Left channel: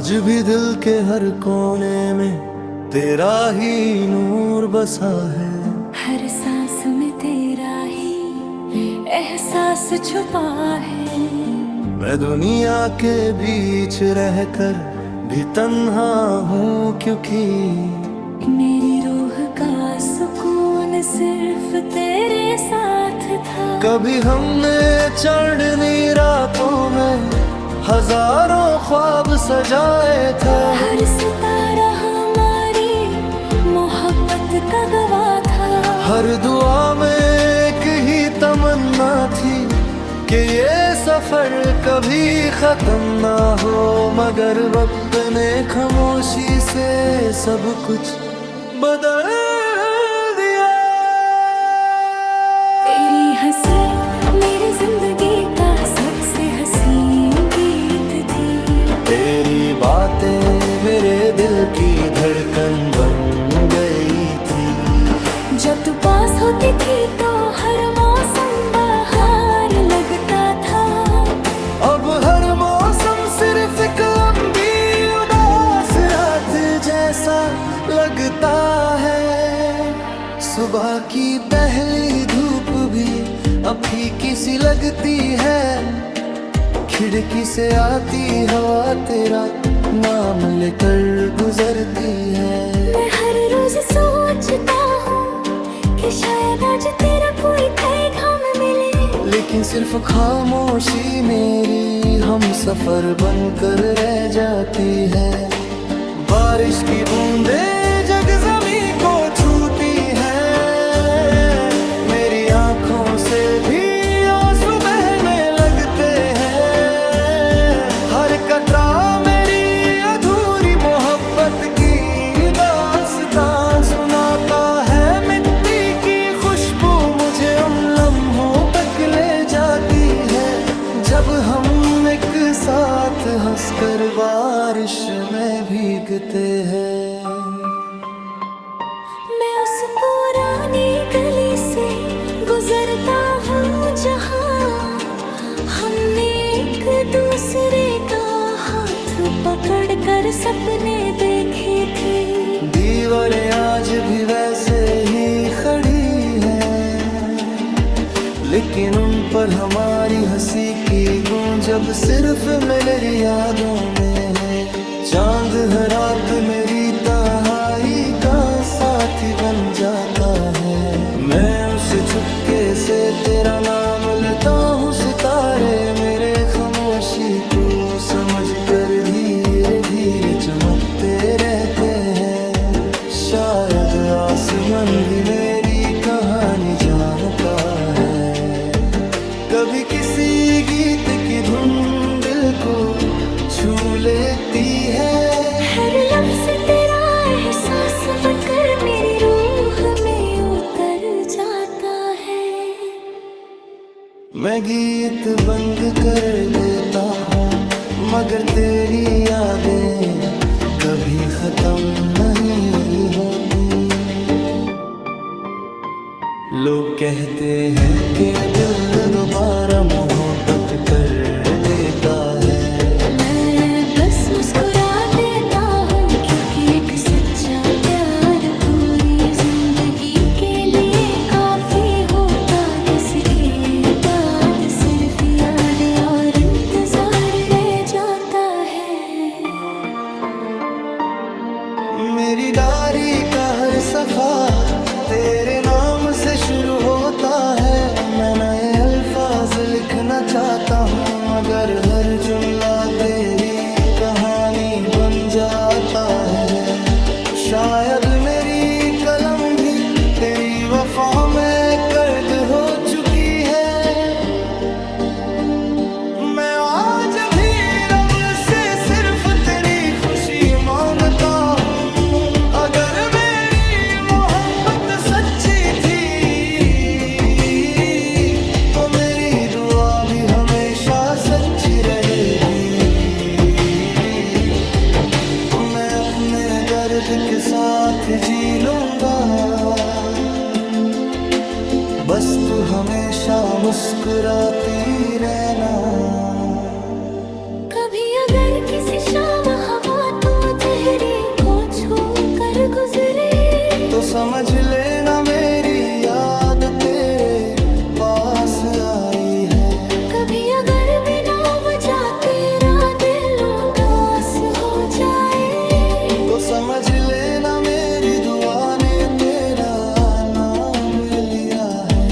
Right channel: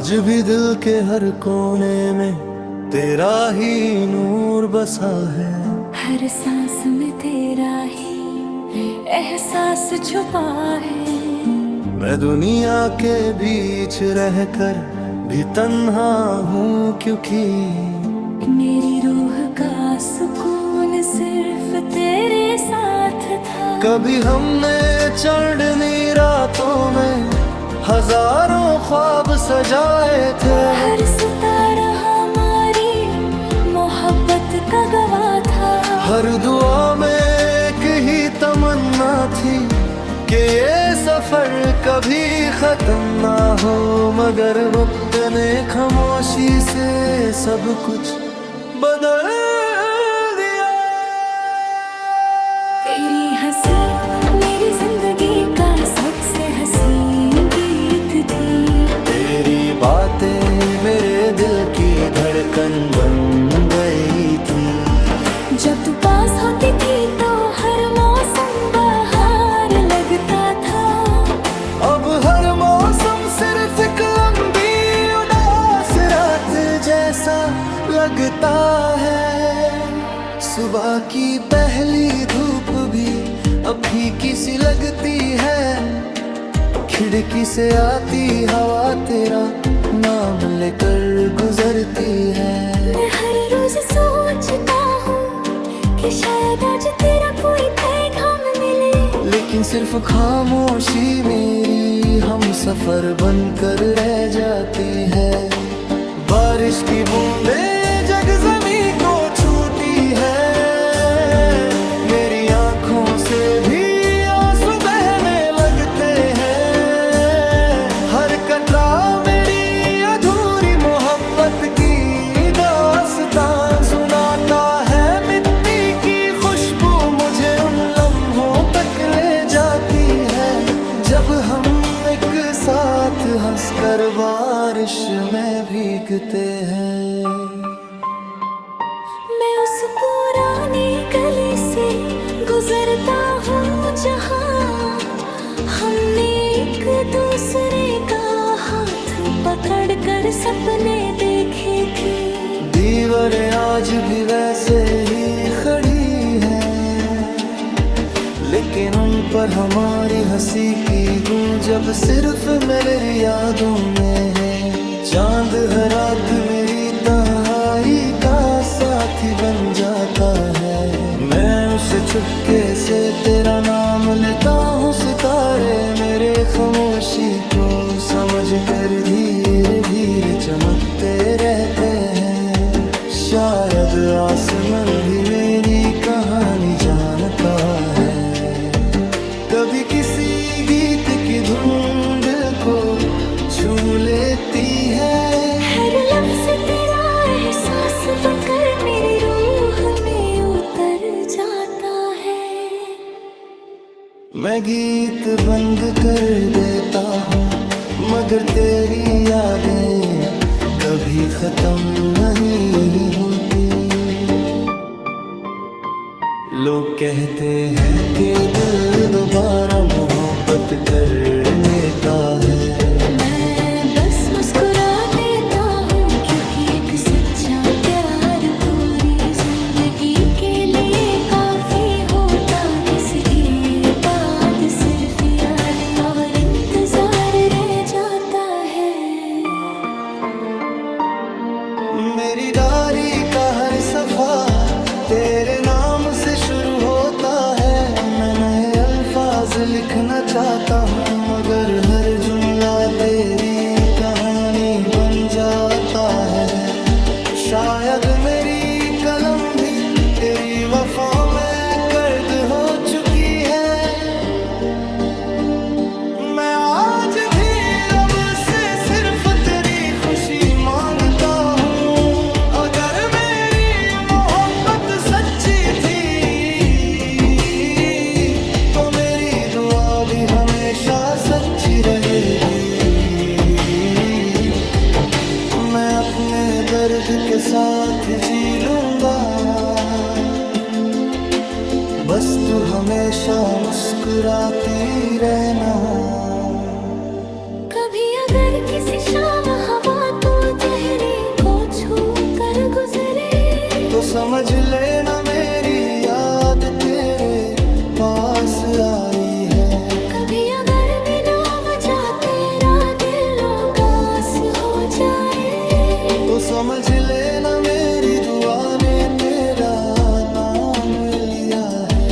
आज भी दिल के हर कोने में तेरा ही नूर बसा है। हर सांस में तेरा ही एहसास छुपा है। मैं दुनिया के बीच रहकर भी तन्हा हूँ, क्योंकि मेरी रूह का सुकून सिर्फ तेरे साथ था। कभी हमने चढ़नी रातों में हजारों ख्वाब सजाए थे। हर सितारा हमारी मोहब्बत का गवाह था। हर दुआ में एक ही तमन्ना थी कि ये सफर कभी खत्म ना हो, मगर वक्त ने खामोशी से सब कुछ बदल दिया। तेरी हंसी मेरी जिंदगी का सबसे हसीन गीत थी। तेरी बातें मेरे दिल की धड़कन बन गई थी। जब तू पास होती थी तो हर मौसम बहार लगता था। अब हर मौसम सिर्फ एक लंबी उदास रात जैसा लगता है। सुबह की पहली धूप भी अब फीकी सी लगती है। खिड़की से आती हवा तेरा नाम लेकर गुजरती है। मैं हर रोज सोचता हूँ कि शायद आज तेरा कोई पैगाम मिले, लेकिन सिर्फ खामोशी मेरी हम सफर बनकर रह जाती है। बारिश की बूंदें जग ज़मीं को छूटी है। मेरी आंखों से भी आंसू बहने लगते हैं। हर कतरा मेरी अधूरी मोहब्बत की दास्तां सुनाता है। मिट्टी की खुशबू मुझे उन लम्हों तक ले जाती है जब हम एक साथ हंसकर बारिश में भीगते हैं। मैं उस पुरानी गली से गुजरता हूँ जहाँ हमने एक दूसरे का हाथ पकड़कर सपने देखे थे। दीवारें आज भी वैसे ही खड़ी हैं, लेकिन उन पर हमारी हंसी की गूंज अब सिर्फ मेरी यादों में है। चांद हर रात मेरी तन्हाई का साथी बन जाता है। मैं उसे चुपके से तेरा नाम लेता हूँ। सितारे मेरे खामोशी को समझ कर धीरे धीरे चमकते रहते हैं। शायद आसमान भी मेरी कहानी जानता है। कभी किसी गीत की धुन दिल को छू लेती है। हर लफ्ज़ तेरा एहसास बनकर मेरी रूह में उतर जाता है। मैं गीत बंद कर देता हूँ, मगर तेरी यादें कभी खत्म नहीं होती। लोग कहते हैं कि दिल दोबारा मोहब्बत कर लेता है। मैं बस मुस्कुरा देता हूँ, क्योंकि एक सच्चा प्यार पूरी जिंदगी के लिए काफी होता। जिसके बाद सिर्फ यादें और इंतजार रह जाता है। मेरी डायरी का हर सफा तेरे नाम से शुरू होता है। मैं नए अल्फाज लिखना चाहता हूँ, मगर हर जुमला तेरी कहानी बन जाता है। शायद मेरी कलम भी तेरी वफा में कैद हो चुकी है। मैं आज भी रब से सिर्फ तेरी खुशी मांगता हूँ। अगर मेरी मोहब्बत सच्ची थी तो मेरी दुआ भी हमेशा सच्ची रहेगी। मैं अपने दर्द के साथ जी लूंगा, बस तू हमेशा मुस्कुराती रहना। कभी अगर किसी शाम हवा तो समझ लेना मेरी याद तेरे पास आई है। कभी अगर बिना वजह तेरा दिल उदास हो जाए, तो समझ लेना मेरी दुआ ने तेरा नाम लिया है।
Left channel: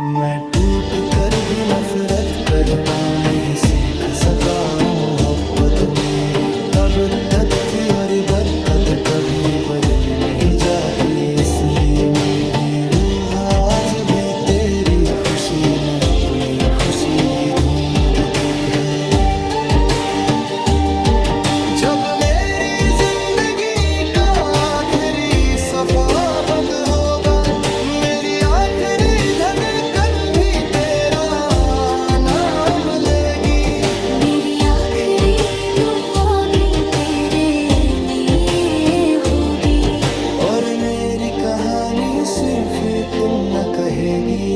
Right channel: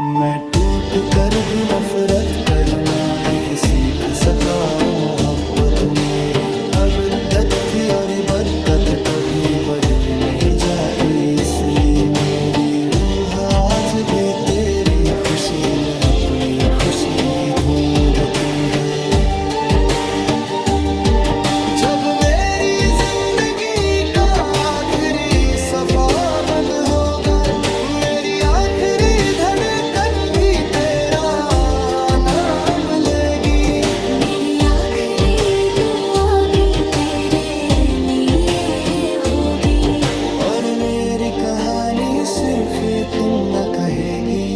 मैं टूट कर भी नफरत करना नहीं सीख सका। मोहब्बत मेरी अबदत थी और बदकद कभी बदली नहीं जाती, इसलिए मेरी रूह आज भी तेरी खुशी में अपनी खुशी ढूंढती है। जब मेरी जिंदगी का आखिरी सफा बंद होगा, मेरी आखिरी धड़कन भी तेरा नाम लेगी। मेरी आखिरी दुआ भी तेरे लिए होगी। और मेरी कहानी सिर्फ इतना कहेगी,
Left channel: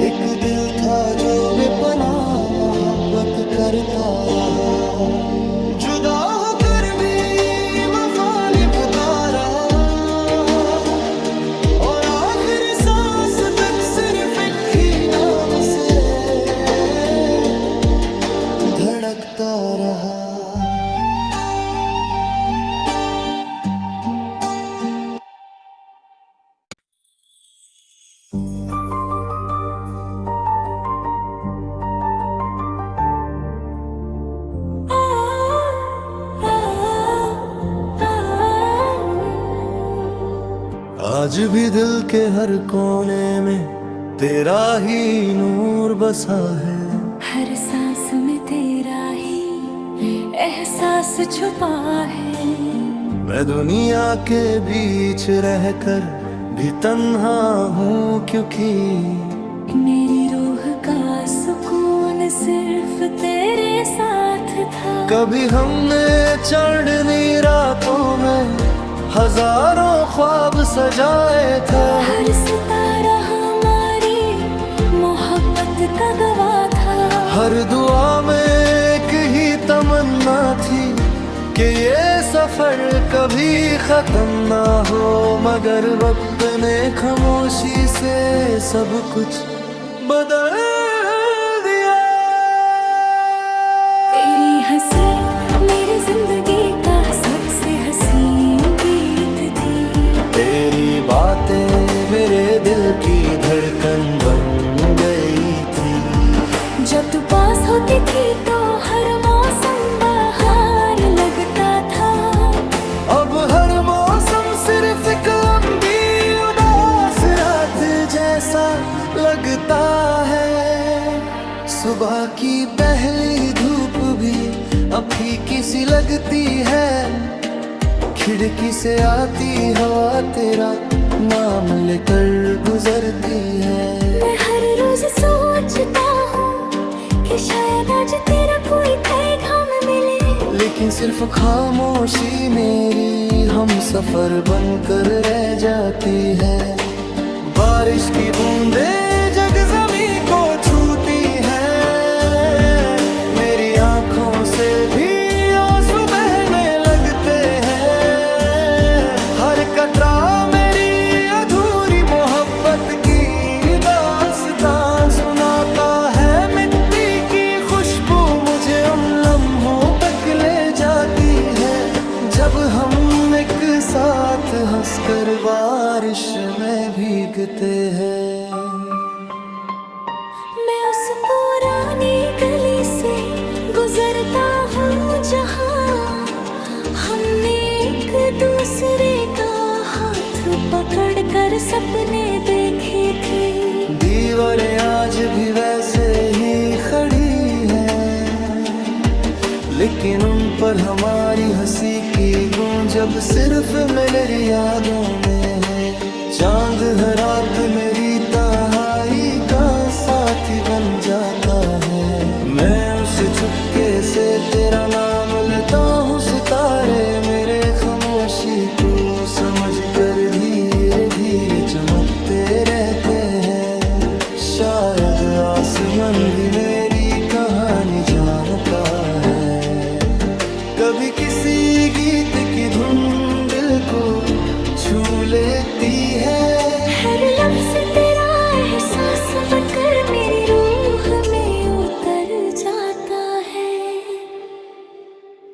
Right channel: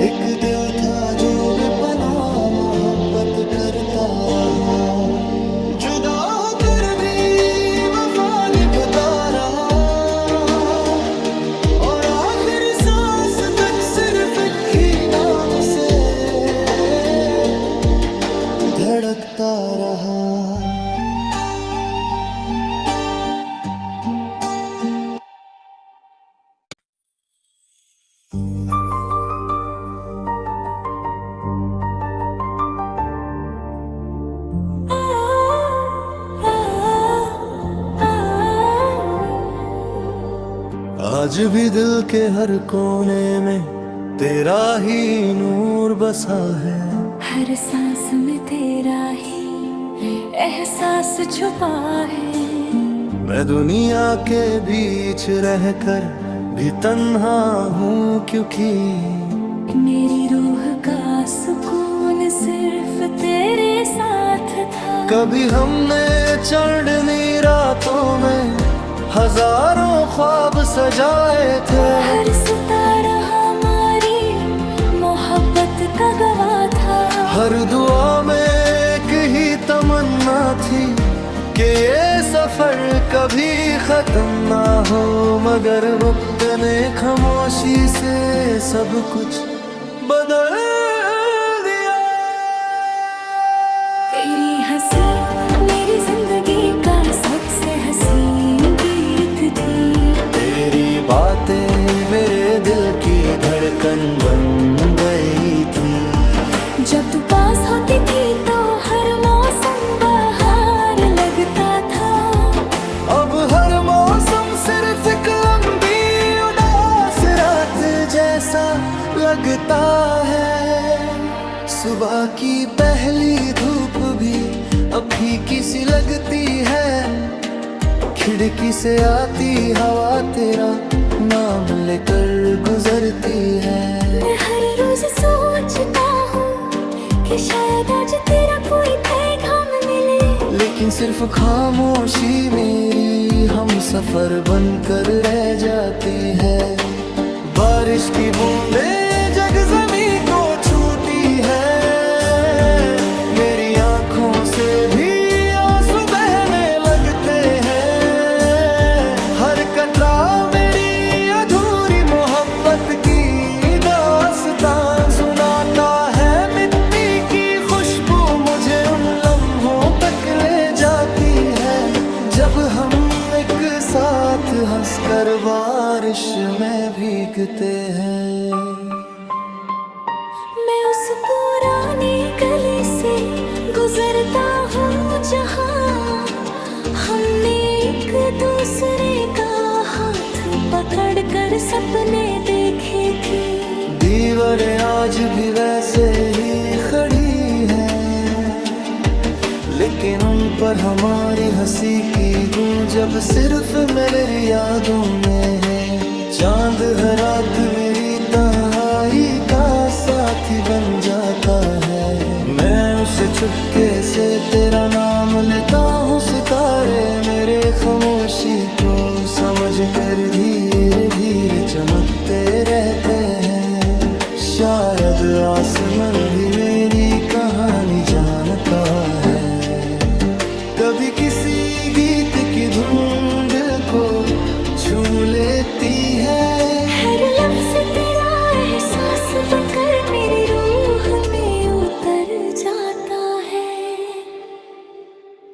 एक दिल था जो बेपनाह मोहब्बत करता रहा, जुदा होकर भी वफा निभाता रहा, और आखिरी सांस तक सिर्फ एक ही नाम से धड़कता रहा। आज भी दिल के हर कोने में तेरा ही नूर बसा है। हर सांस में तेरा ही एहसास छुपा है। मैं दुनिया के बीच रहकर भी तन्हा हूँ, क्योंकि मेरी रूह का सुकून सिर्फ तेरे साथ था। कभी हमने चढ़नी रातों में हजारों ख्वाब सजाए थे। हर सितारा हमारी मोहब्बत का गवाह था। हर दुआ में एक ही तमन्ना थी कि ये सफर कभी खत्म ना हो, मगर वक्त ने खामोशी से सब कुछ बदल दिया। तेरी हंसी मेरी जिंदगी का सबसे हसीन गीत थी। तेरी बातें मेरे दिल की धड़कन बन गई थी। जब तू पास होती थी तो हर मौसम बहार लगता था। अब हर मौसम सिर्फ एक लंबी उदास रात जैसा लगता है। सुबह की पहली धूप भी अब फीकी सी लगती है। खिड़की से आती हवा तेरा नाम लेकर गुजरती है। मैं हर रोज सोचता हूँ कि शायद आज तेरा कोई पैगाम मिले, लेकिन सिर्फ खामोशी मेरी हम सफर बनकर रह जाती है। बारिश की बूंदें जग ज़मीं को छूटी है। मेरी आंखों से भी आंसू बहने लगते हैं। हर कतरा मेरी अधूरी मोहब्बत की दास्तां सुनाता है। मिट्टी की खुशबू मुझे उन लम्हों तक ले जाती है जब हम एक साथ हंसकर बारिश में भीगते हैं। मैं उस पुरानी गली से गुजरता हूँ जहाँ हमने एक दूसरे का हाथ पकड़कर सपने देखे थे। दीवारें आज भी वैसे ही खड़ी हैं, लेकिन उन पर हमारी हंसी की गूंज अब सिर्फ मेरी यादों में है। चांद हर रात मेरी तन्हाई का साथी बन जाता है। मैं उसे चुपके से तेरा नाम लेता हूँ। सितारे मेरे खामोशी को समझ कर धीरे धीरे चमकते रहते हैं। शायद आसमान भी मेरी कहानी जानता है। कभी किसी गीत की धुन दिल को छू लेती है। हर लफ्ज तेरा एहसास बनकर मेरी रूह में उतर जाता है।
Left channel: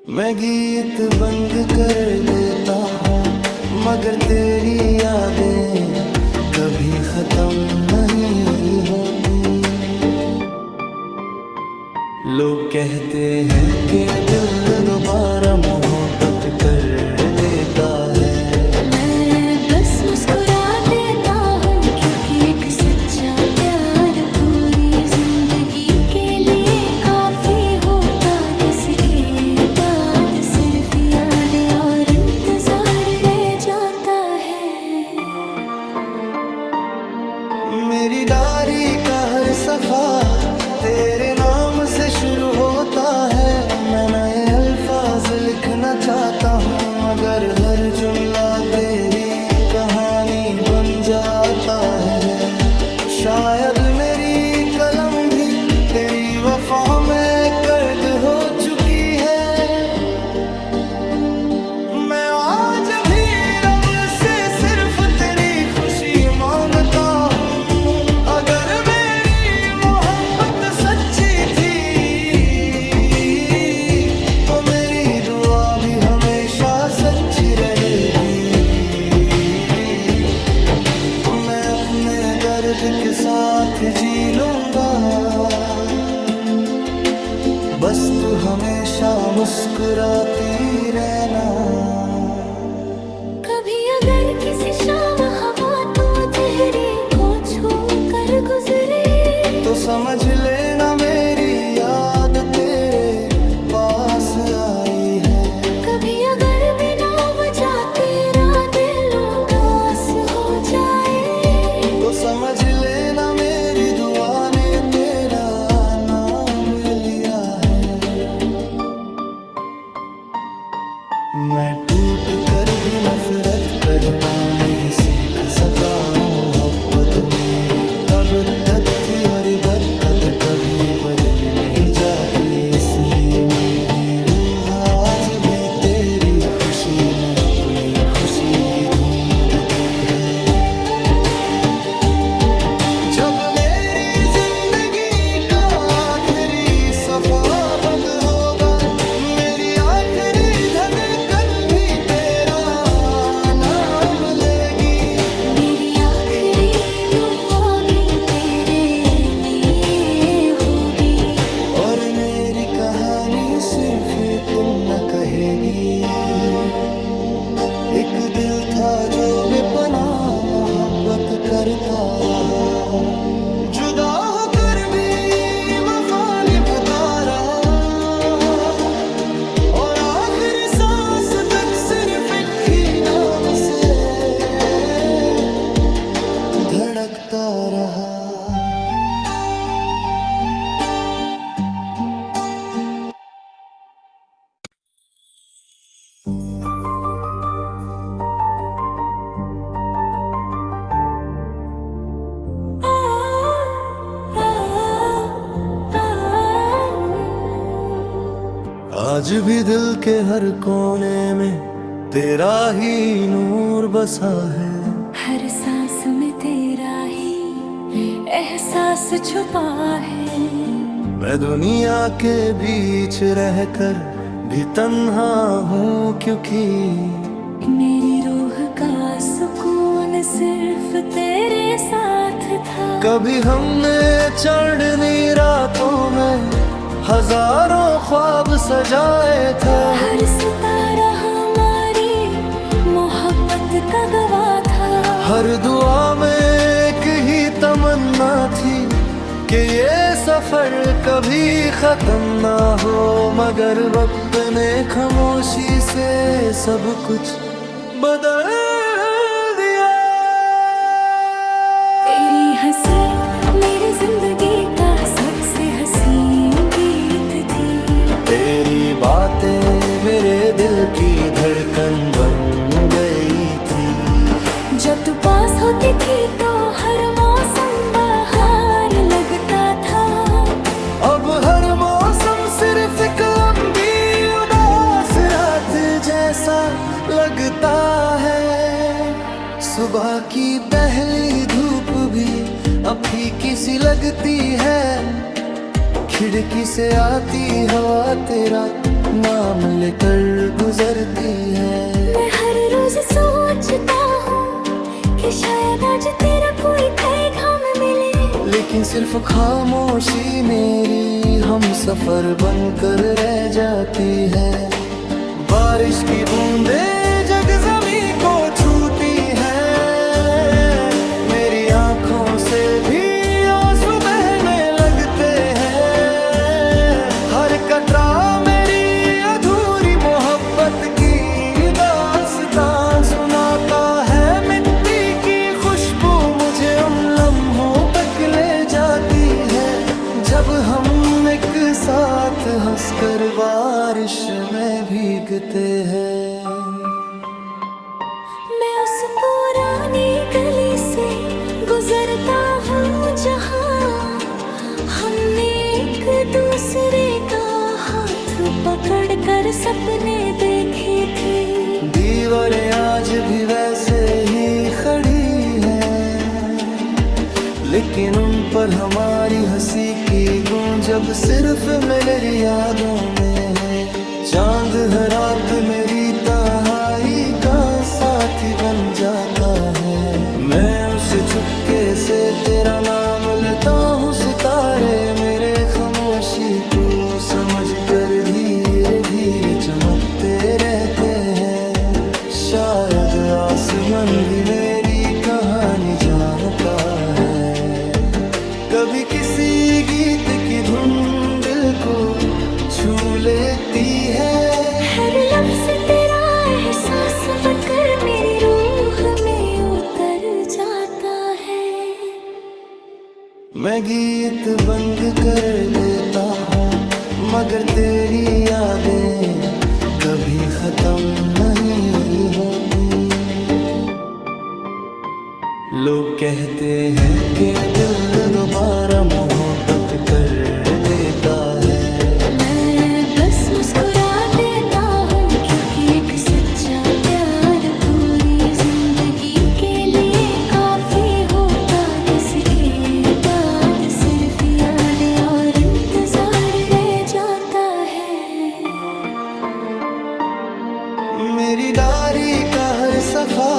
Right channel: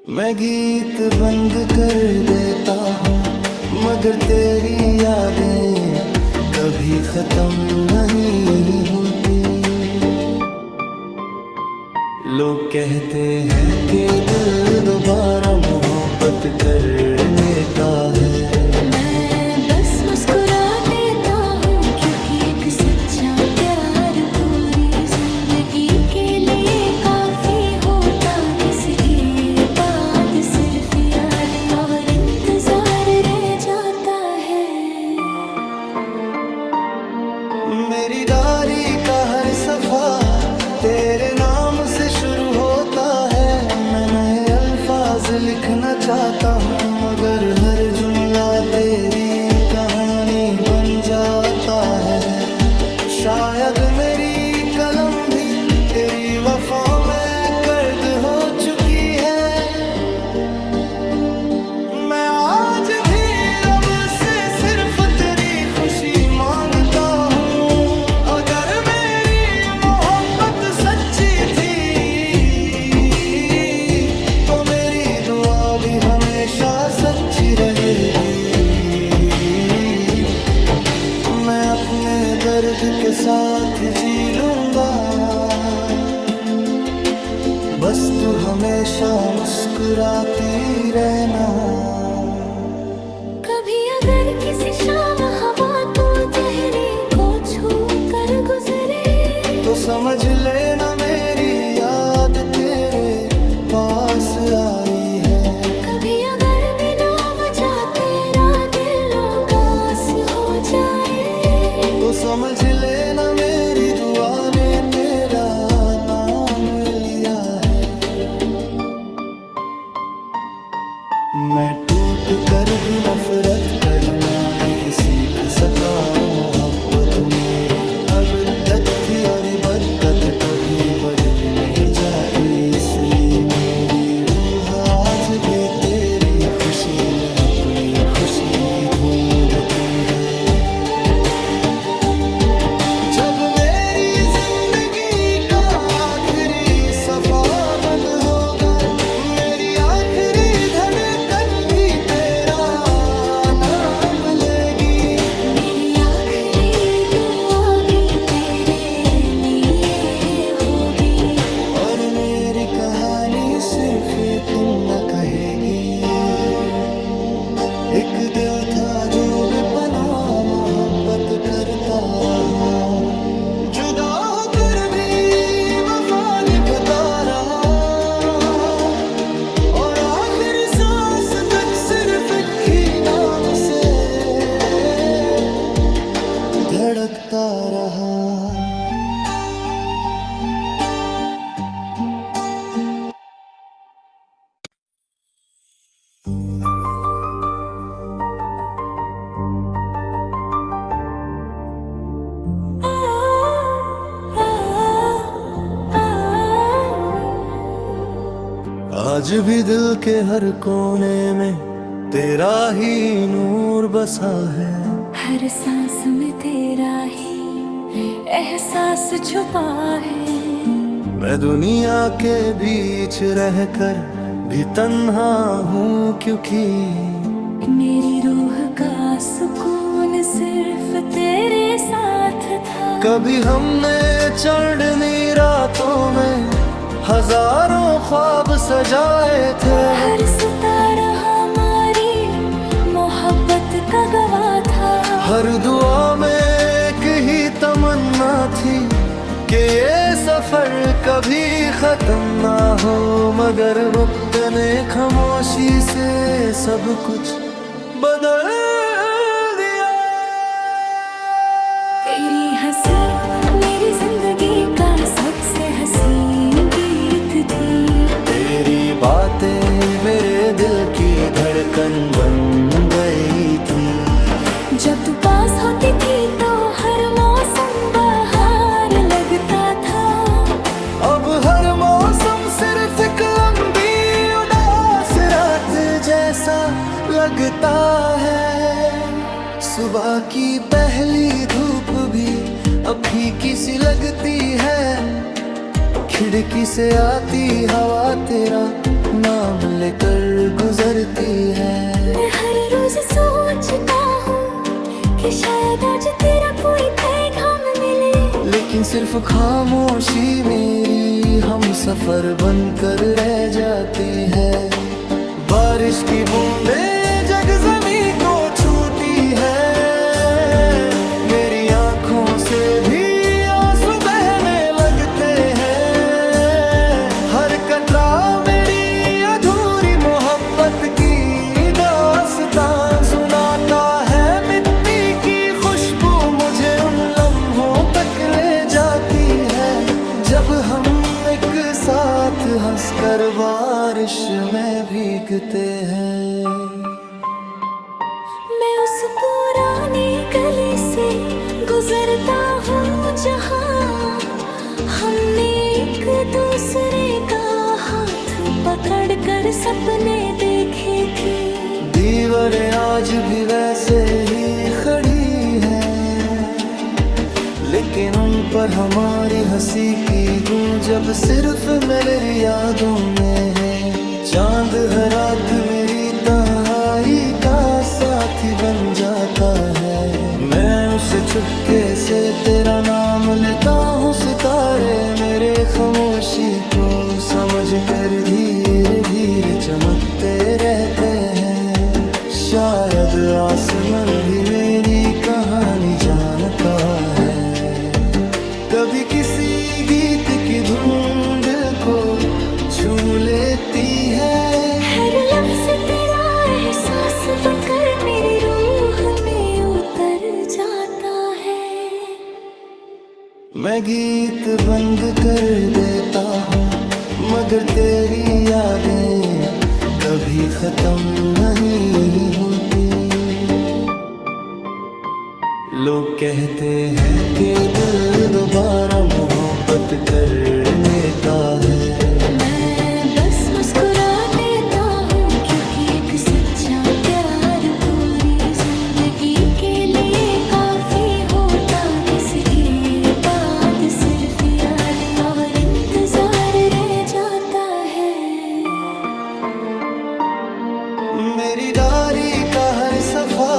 मैं गीत बंद कर देता हूँ मगर तेरी यादें कभी खत्म नहीं होती। लोग कहते हैं कि दिल दोबारा मोहब्बत कर लेता है। मैं बस मुस्कुरा देता हूँ क्योंकि एक सच्चा प्यार पूरी जिंदगी के लिए काफी होता, जिसके बाद सिर्फ यादें और इंतजार रह जाता है। मेरी डायरी का हर सफा तेरे नाम से शुरू होता है। मैं नए अल्फाज लिखना चाहता हूँ मगर हर जुमला तेरी कहानी बन जाता है। शायद मेरी कलम भी तेरी वफा में कैद हो चुकी है। मैं आज भी रब से सिर्फ तेरी खुशी मांगता हूँ। अगर मेरी मोहब्बत सच्ची थी तो मेरी दुआ भी हमेशा सच्ची रहेगी। मैं अपने दर्द के साथ जी लूंगा, बस तू हमेशा मुस्कुराती रहना। कभी अगर किसी शाम हवा तो चेहरे को छू कर गुजरे तो समझ लेना मेरी याद तेरे पास आई है। कभी अगर बिना वजह तेरा दिल उदास हो जाए तो समझ लेना मेरी दुआ ने तेरा नाम लिया है। मैं टूट कर भी नफरत करना नहीं सीख सका। मोहब्बत मेरी अबदत थी और बदकद कभी बदली नहीं जाती, इसलिए मेरी रूह आज भी तेरी खुशी में अपनी खुशी ढूंढती है। जब मेरी जिंदगी का आखिरी सफा बंद होगा, मेरी आखिरी धड़कन भी तेरा नाम लेगी। मेरी आखिरी दुआ भी तेरे लिए होगी। और मेरी कहानी सिर्फ इतना कहेगी, एक दिल था जो बेपनाह मोहब्बत करता रहा, जुदा होकर भी वफा निभाता रहा, और आखिरी सांस तक सिर्फ एक ही नाम से धड़कता रहा। आज भी दिल के हर कोने में तेरा ही नूर बसा है। हर सांस में तेरा ही एहसास छुपा है। मैं दुनिया के बीच रहकर भी तन्हा हूँ, क्योंकि मेरी रूह का सुकून सिर्फ तेरे साथ था। कभी हमने चढ़नी रातों में हजारों ख्वाब सजाए थे। हर सितारा हमारी मोहब्बत का गवाह था। हर दुआ में एक ही तमन्ना थी कि ये सफर कभी खत्म ना हो, मगर वक्त ने खामोशी से सब कुछ बदल दिया। तेरी हंसी मेरी जिंदगी का सबसे हसीन गीत थी। तेरी बातें मेरे दिल की धड़कन बन गई थी। जब तू पास होती थी तो हर मौसम बहार लगता था। अब हर मौसम सिर्फ एक लंबी उदास लगता है। सुबह की पहली धूप भी अब फीकी सी लगती है। खिड़की से आती हवा तेरा नाम लेकर गुजरती है। मैं हर रोज सोचता हूँ कि शायद आज तेरा कोई पैगाम मिले, लेकिन सिर्फ खामोशी मेरी हम सफर बनकर रह जाती है। बारिश की बूंदें जग ज़मीं को छूती है। मेरी आंखों से भी आंसू बहने लगते हैं। हर कतरा मेरी अधूरी मोहब्बत की दास्तां सुनाता है। मिट्टी की खुशबू मुझे उन लम्हों तक ले जाती है जब हम एक साथ हंसकर बारिश में भीगते हैं। मैं उस पुरानी गली से गुजरता हूँ जहाँ हमने एक दूसरे का हाथ पकड़कर सपने देखे थे। दीवारें आज भी वैसे ही खड़ी हैं, लेकिन उन पर हमारी हंसी की गूंज अब सिर्फ मेरी यादों में है। चांद हर रात मेरी तन्हाई का साथी बन जाता है। मैं उसे चुपके से तेरा नाम लेता हूँ। सितारे मेरे खामोशी को समझ कर धीरे धीरे चमकते रहते हैं। शायद आसमान भी मेरी कहानी जानता है। कभी किसी गीत की धुन दिल को छू लेती है। हर लफ्ज़ तेरा एहसास बनकर मेरी रूह में उतर जाता है। मैं गीत बंद कर देता हूँ, मगर तेरी यादें कभी खत्म नहीं होती। लोग कहते हैं कि दिल दोबारा मोहब्बत कर लेता है। मैं बस मुस्कुरा देता हूँ, क्योंकि एक सच्चा प्यार पूरी जिंदगी के लिए काफी होता, जिसके बाद सिर्फ यादें और इंतजार रह जाता है। मेरी डायरी का हर सफा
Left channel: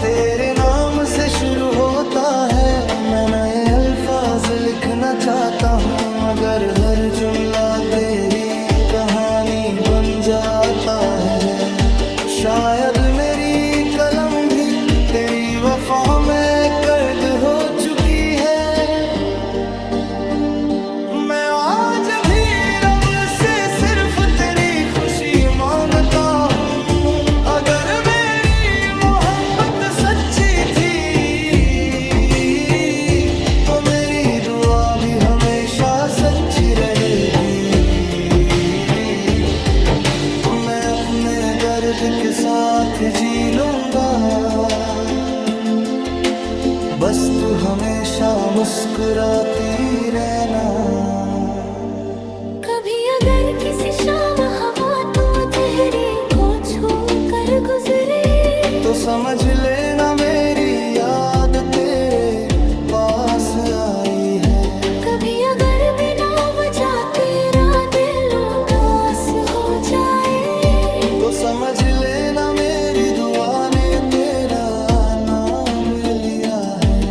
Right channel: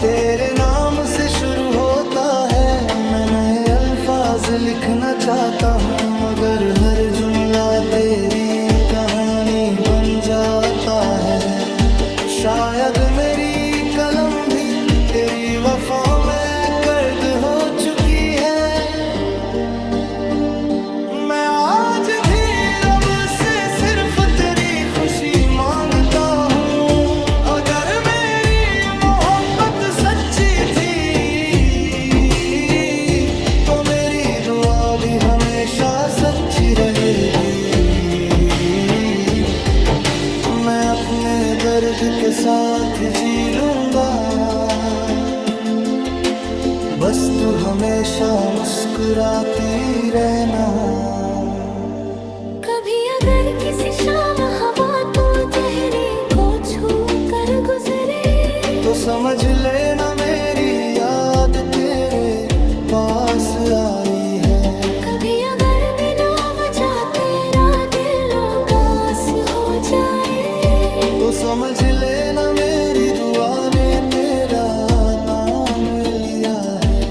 तेरे नाम से शुरू होता है। मैं नए अल्फाज लिखना चाहता हूँ, मगर हर जुमला तेरी कहानी बन जाता है। शायद मेरी कलम भी तेरी वफा में कैद हो चुकी है। मैं आज भी रब से सिर्फ तेरी खुशी मांगता हूँ। अगर मेरी मोहब्बत सच्ची थी तो मेरी दुआ भी हमेशा सच्ची रहेगी। मैं अपने दर्द के साथ जी लूंगा, बस तू हमेशा मुस्कुराती रहना। कभी अगर किसी शाम हवा तो चेहरे को छू कर गुजरे, तो समझ लेना मेरी याद तेरे पास आई है। कभी अगर बिना वजह तेरा दिल उदास हो जाए, तो समझ लेना मेरी दुआ ने तेरा नाम लिया है।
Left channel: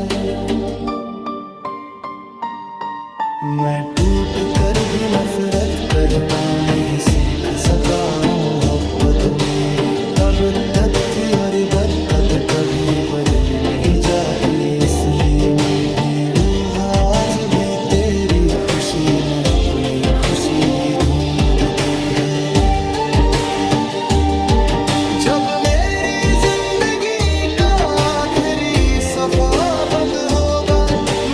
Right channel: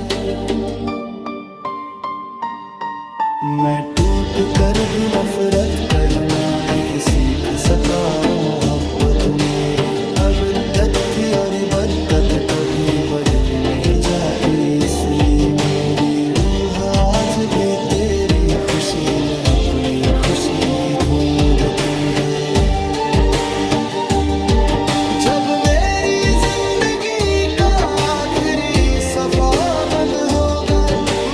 मैं टूट कर भी नफरत करना नहीं सीख सका। मोहब्बत मेरी अब तक थी और बदकद कभी बदली नहीं जाती, इसलिए मेरी रूह आज भी तेरी खुशी में अपनी खुशी ढूंढती है। जब मेरी जिंदगी का आखिरी सफा बंद होगा,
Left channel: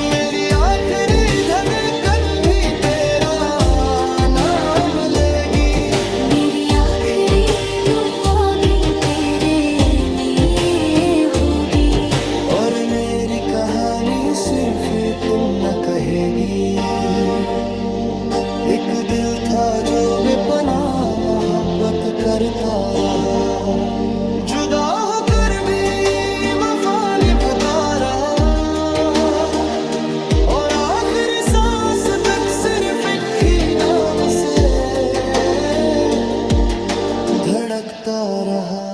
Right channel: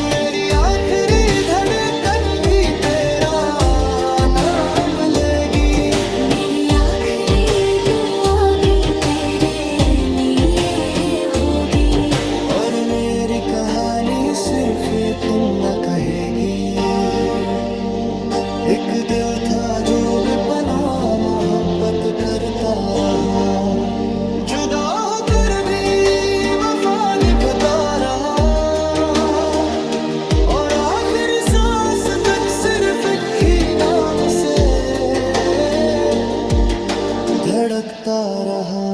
मेरी आखिरी धड़कन भी तेरा नाम लेगी। मेरी आखिरी दुआ भी तेरे लिए होगी। और मेरी कहानी सिर्फ इतना कहेगी, एक दिल था जो बेपनाह मोहब्बत करता रहा, जुदा होकर भी वफा निभाता रहा, और आखिरी सांस तक सिर्फ एक ही नाम से धड़कता रहा।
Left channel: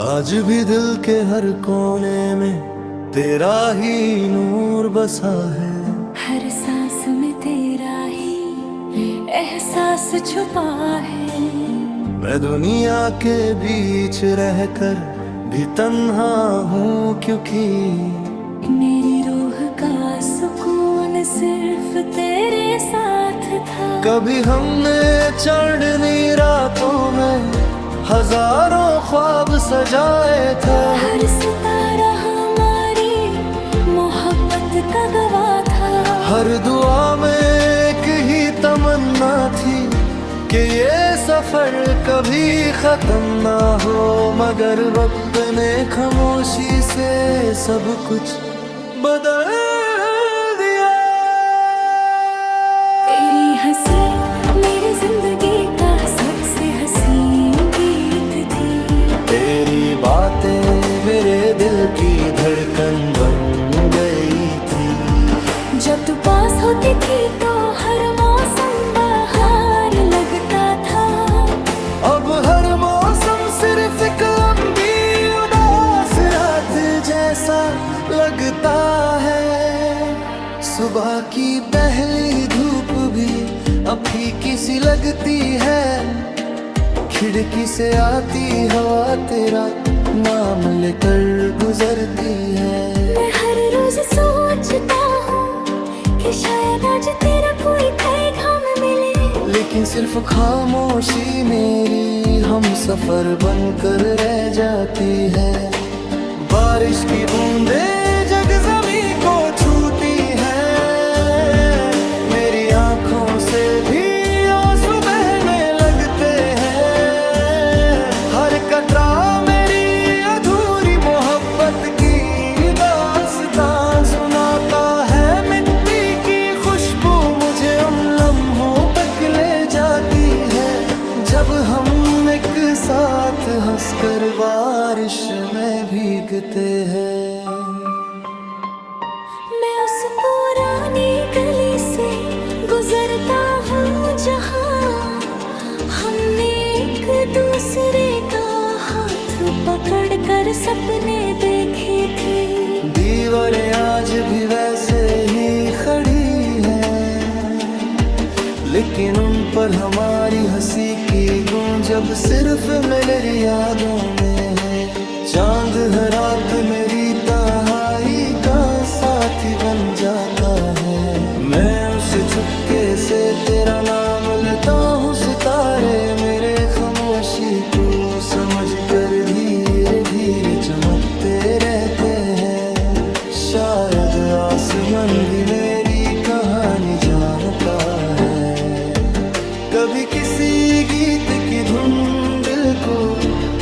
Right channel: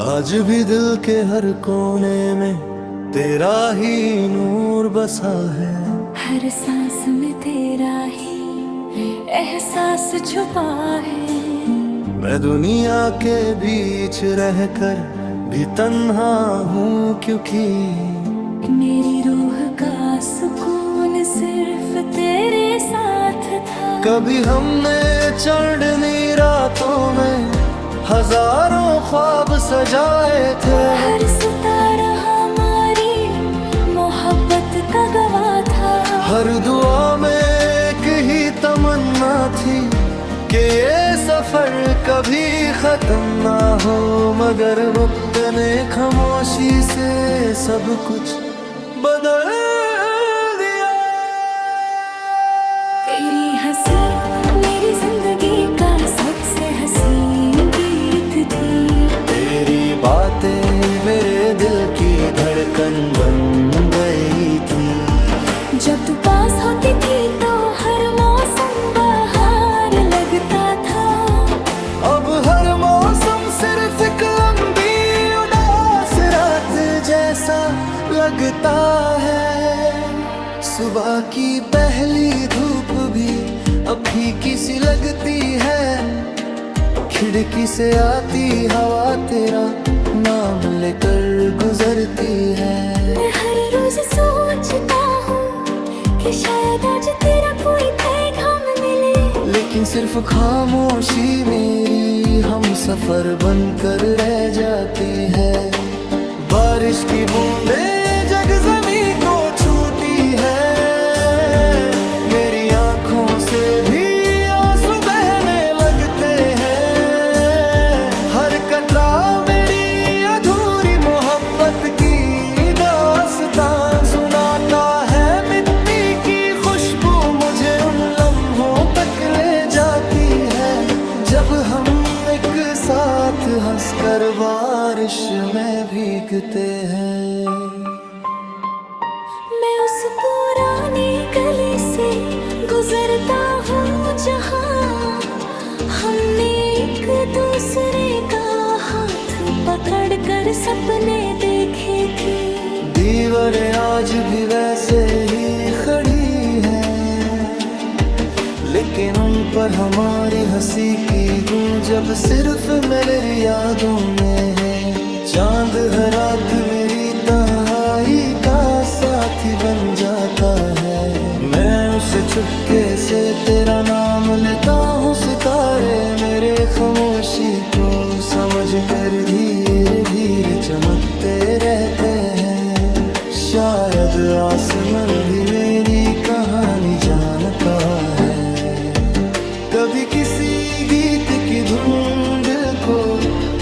आज भी दिल के हर कोने में तेरा ही नूर बसा है, हर सांस में तेरा ही एहसास छुपा है। मैं दुनिया के बीच रहकर भी तन्हा हूँ, क्योंकि मेरी रूह का सुकून सिर्फ तेरे साथ था। कभी हमने चढ़नी रातों में हजारों ख्वाब सजाए थे, हर सितारा हमारी मोहब्बत का गवाह था। हर दुआ में एक ही तमन्ना थी कि ये सफर कभी खत्म ना हो, मगर वक्त ने खामोशी से सब कुछ बदल दिया। तेरी हंसी मेरी जिंदगी का सबसे हसीन गीत थी, तेरी बातें मेरे दिल की धड़कन बन गई थी। जब तू पास होती थी तो हर मौसम बहार लगता था। अब हर मौसम सिर्फ एक लंबी उदास रात जैसा लगता है। सुबह की पहली धूप भी अब फीकी सी लगती है, खिड़की से आती हवा तेरा नाम लेकर गुजरती है। मैं हर रोज सोचता हूँ कि शायद आज तेरा कोई पैगाम मिले, लेकिन सिर्फ खामोशी मेरी हम सफर बनकर रह जाती है। बारिश की बूंदें जग ज़मीं को छूती है, मेरी आंखों से भी आंसू बहने लगते हैं। हर कतरा मेरी अधूरी मोहब्बत की दास्तां सुनाता है। मिट्टी की खुशबू मुझे उन लम्हों तक ले जाती है जब हम एक साथ हंसकर बारिश में भीगते हैं। मैं उस पुरानी गली से गुजरता हूँ जहाँ हमने एक दूसरे का हाथ पकड़कर सपने देखे थे। दीवारें आज भी वैसे ही खड़ी हैं, लेकिन उन पर हमारी हंसी की गूंज अब सिर्फ मेरी यादों में है। चांद हर रात मेरी तन्हाई का साथी बन जाता है, मैं उससे छुपके से तेरा नाम लेता हूँ। सितारे मेरे खामोशी को समझ कर धीरे धीरे चमकते रहते हैं। शायद आसमान भी मेरी कहानी जानता है। कभी किसी गीत की धुन दिल को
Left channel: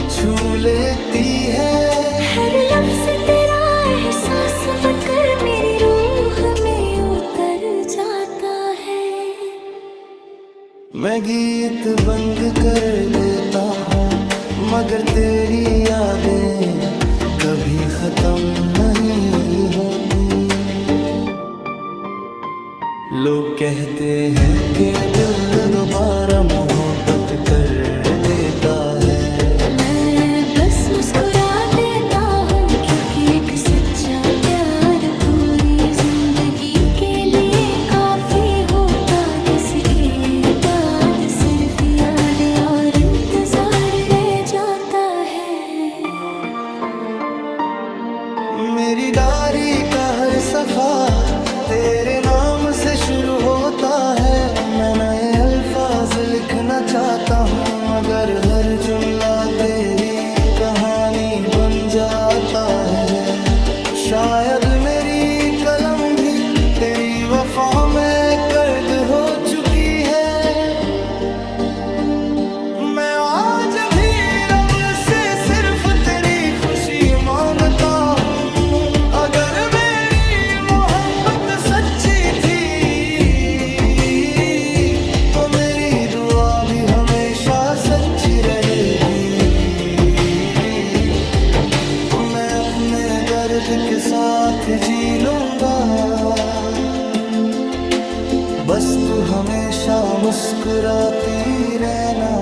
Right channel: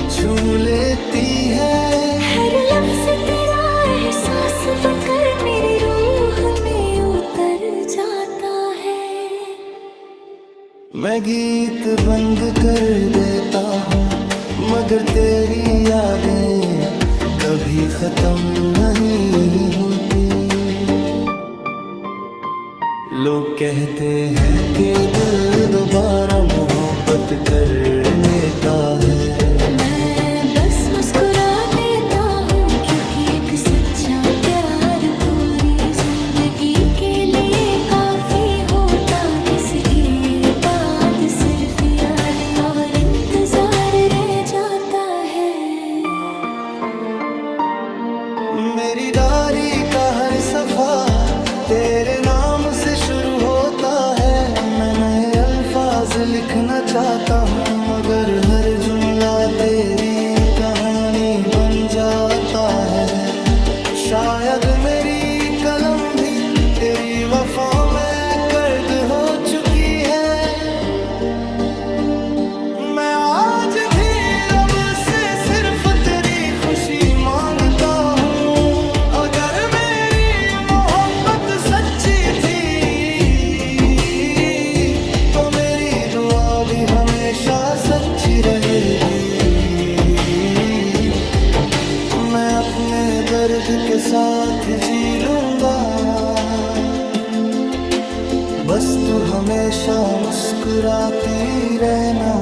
छू लेती है, हर लफ्ज़ तेरा एहसास बनकर मेरी रूह में उतर जाता है। मैं गीत बंद कर देता हूँ, मगर तेरी यादें कभी खत्म नहीं होती। लोग कहते हैं कि दिल दोबारा मोहब्बत कर लेता है, मैं बस मुस्कुरा देता हूँ, क्योंकि एक सच्चा प्यार पूरी जिंदगी के लिए काफी होता, जिसके बाद सिर्फ यादें और इंतजार रह जाता है। मेरी डायरी का हर सफा तेरे नाम से शुरू होता है। मैं नए अल्फाज लिखना चाहता हूँ, मगर हर जुमला तेरी कहानी बन जाता है। शायद मेरी कलम भी तेरी वफा में कैद हो चुकी है। मैं आज भी रब से सिर्फ तेरी खुशी मांगता हूँ। अगर मेरी मोहब्बत सच्ची थी तो मेरी दुआ भी हमेशा सच्ची रहेगी। मैं अपने दर्द के साथ जी लूंगा, बस तू हमेशा मुस्कुराती रहना।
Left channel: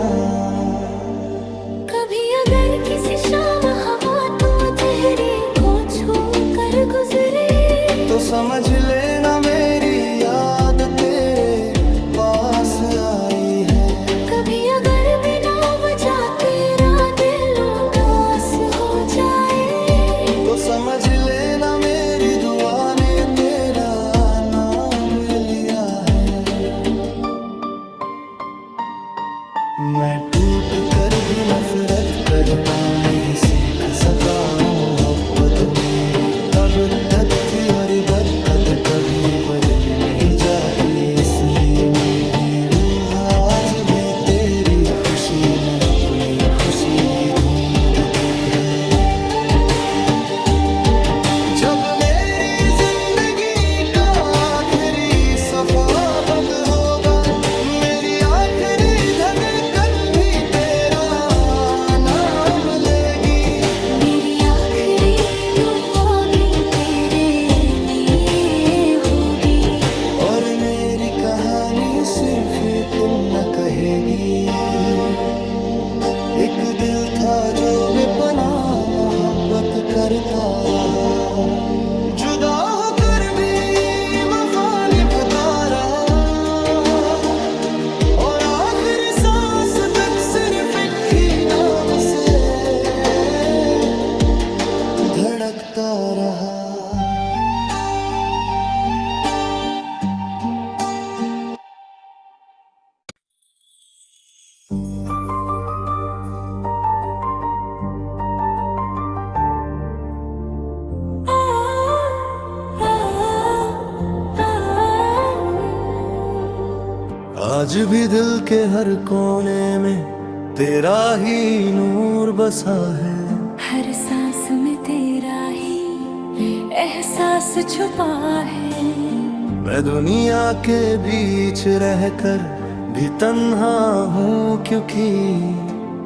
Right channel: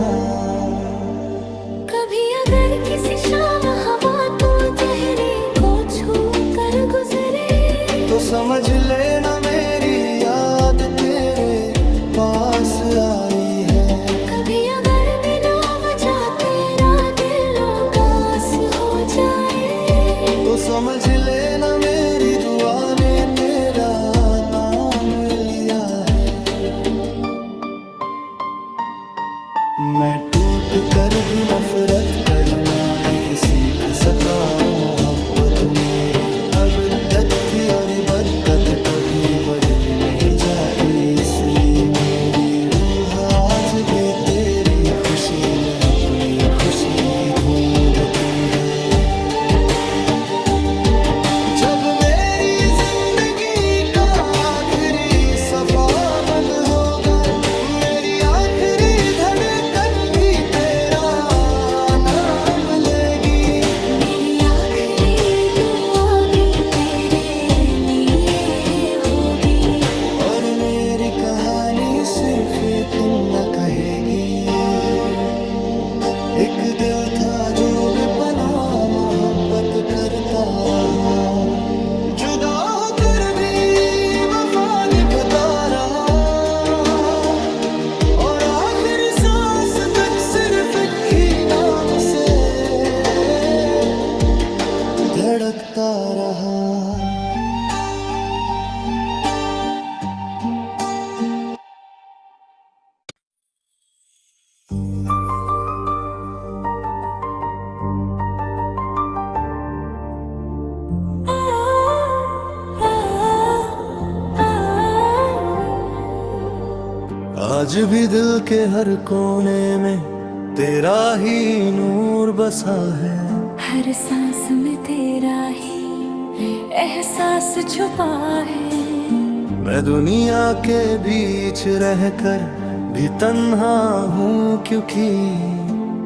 कभी अगर किसी शाम हवा तो चेहरे को छू कर गुजरे, तो समझ लेना मेरी याद तेरे पास आई है। कभी अगर बिना वजह तेरा दिल उदास हो जाए, तो समझ लेना मेरी दुआ ने तेरा नाम लिया है। मैं टूट कर भी नफरत करना नहीं सीख सका। मोहब्बत मेरी अबदत थी और इबदत कभी बदली नहीं जाती, इसलिए मेरी रूह आज भी तेरी खुशी में अपनी खुशी ढूंढती है। जब मेरी जिंदगी का आखिरी सफा बंद होगा, मेरी आखिरी धड़कन भी तेरा नाम लेगी। मेरी आखिरी दुआ भी तेरे लिए होगी। और मेरी कहानी सिर्फ इतना कहेगी, एक दिल था जो बेपनाह मोहब्बत करता रहा, जुदा होकर भी वफा निभाता रहा, और आखिरी सांस तक सिर्फ एक ही नाम से धड़कता रहा। आज भी दिल के हर कोने में तेरा ही नूर बसा है। हर सांस में तेरा ही एहसास छुपा है। मैं दुनिया के बीच रहकर भी तन्हा हूँ, क्योंकि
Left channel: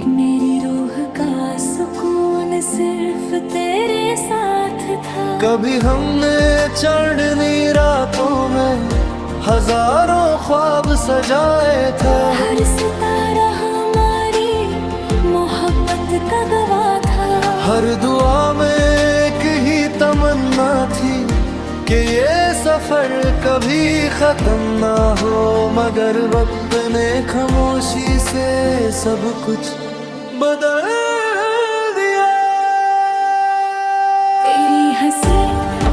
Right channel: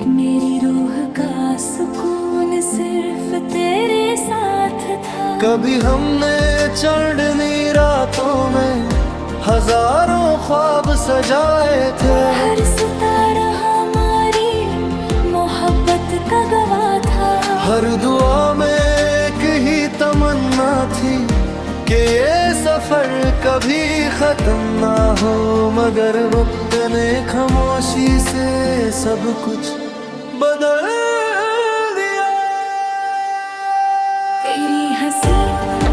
मेरी रूह का सुकून सिर्फ तेरे साथ था। कभी हमने चढ़नी रातों में हजारों ख्वाब सजाए थे। हर सितारा हमारी मोहब्बत का गवाह था। हर दुआ में एक ही तमन्ना थी कि ये सफर कभी खत्म ना हो, मगर वक्त ने खामोशी से सब कुछ बदल दिया। तेरी हंसी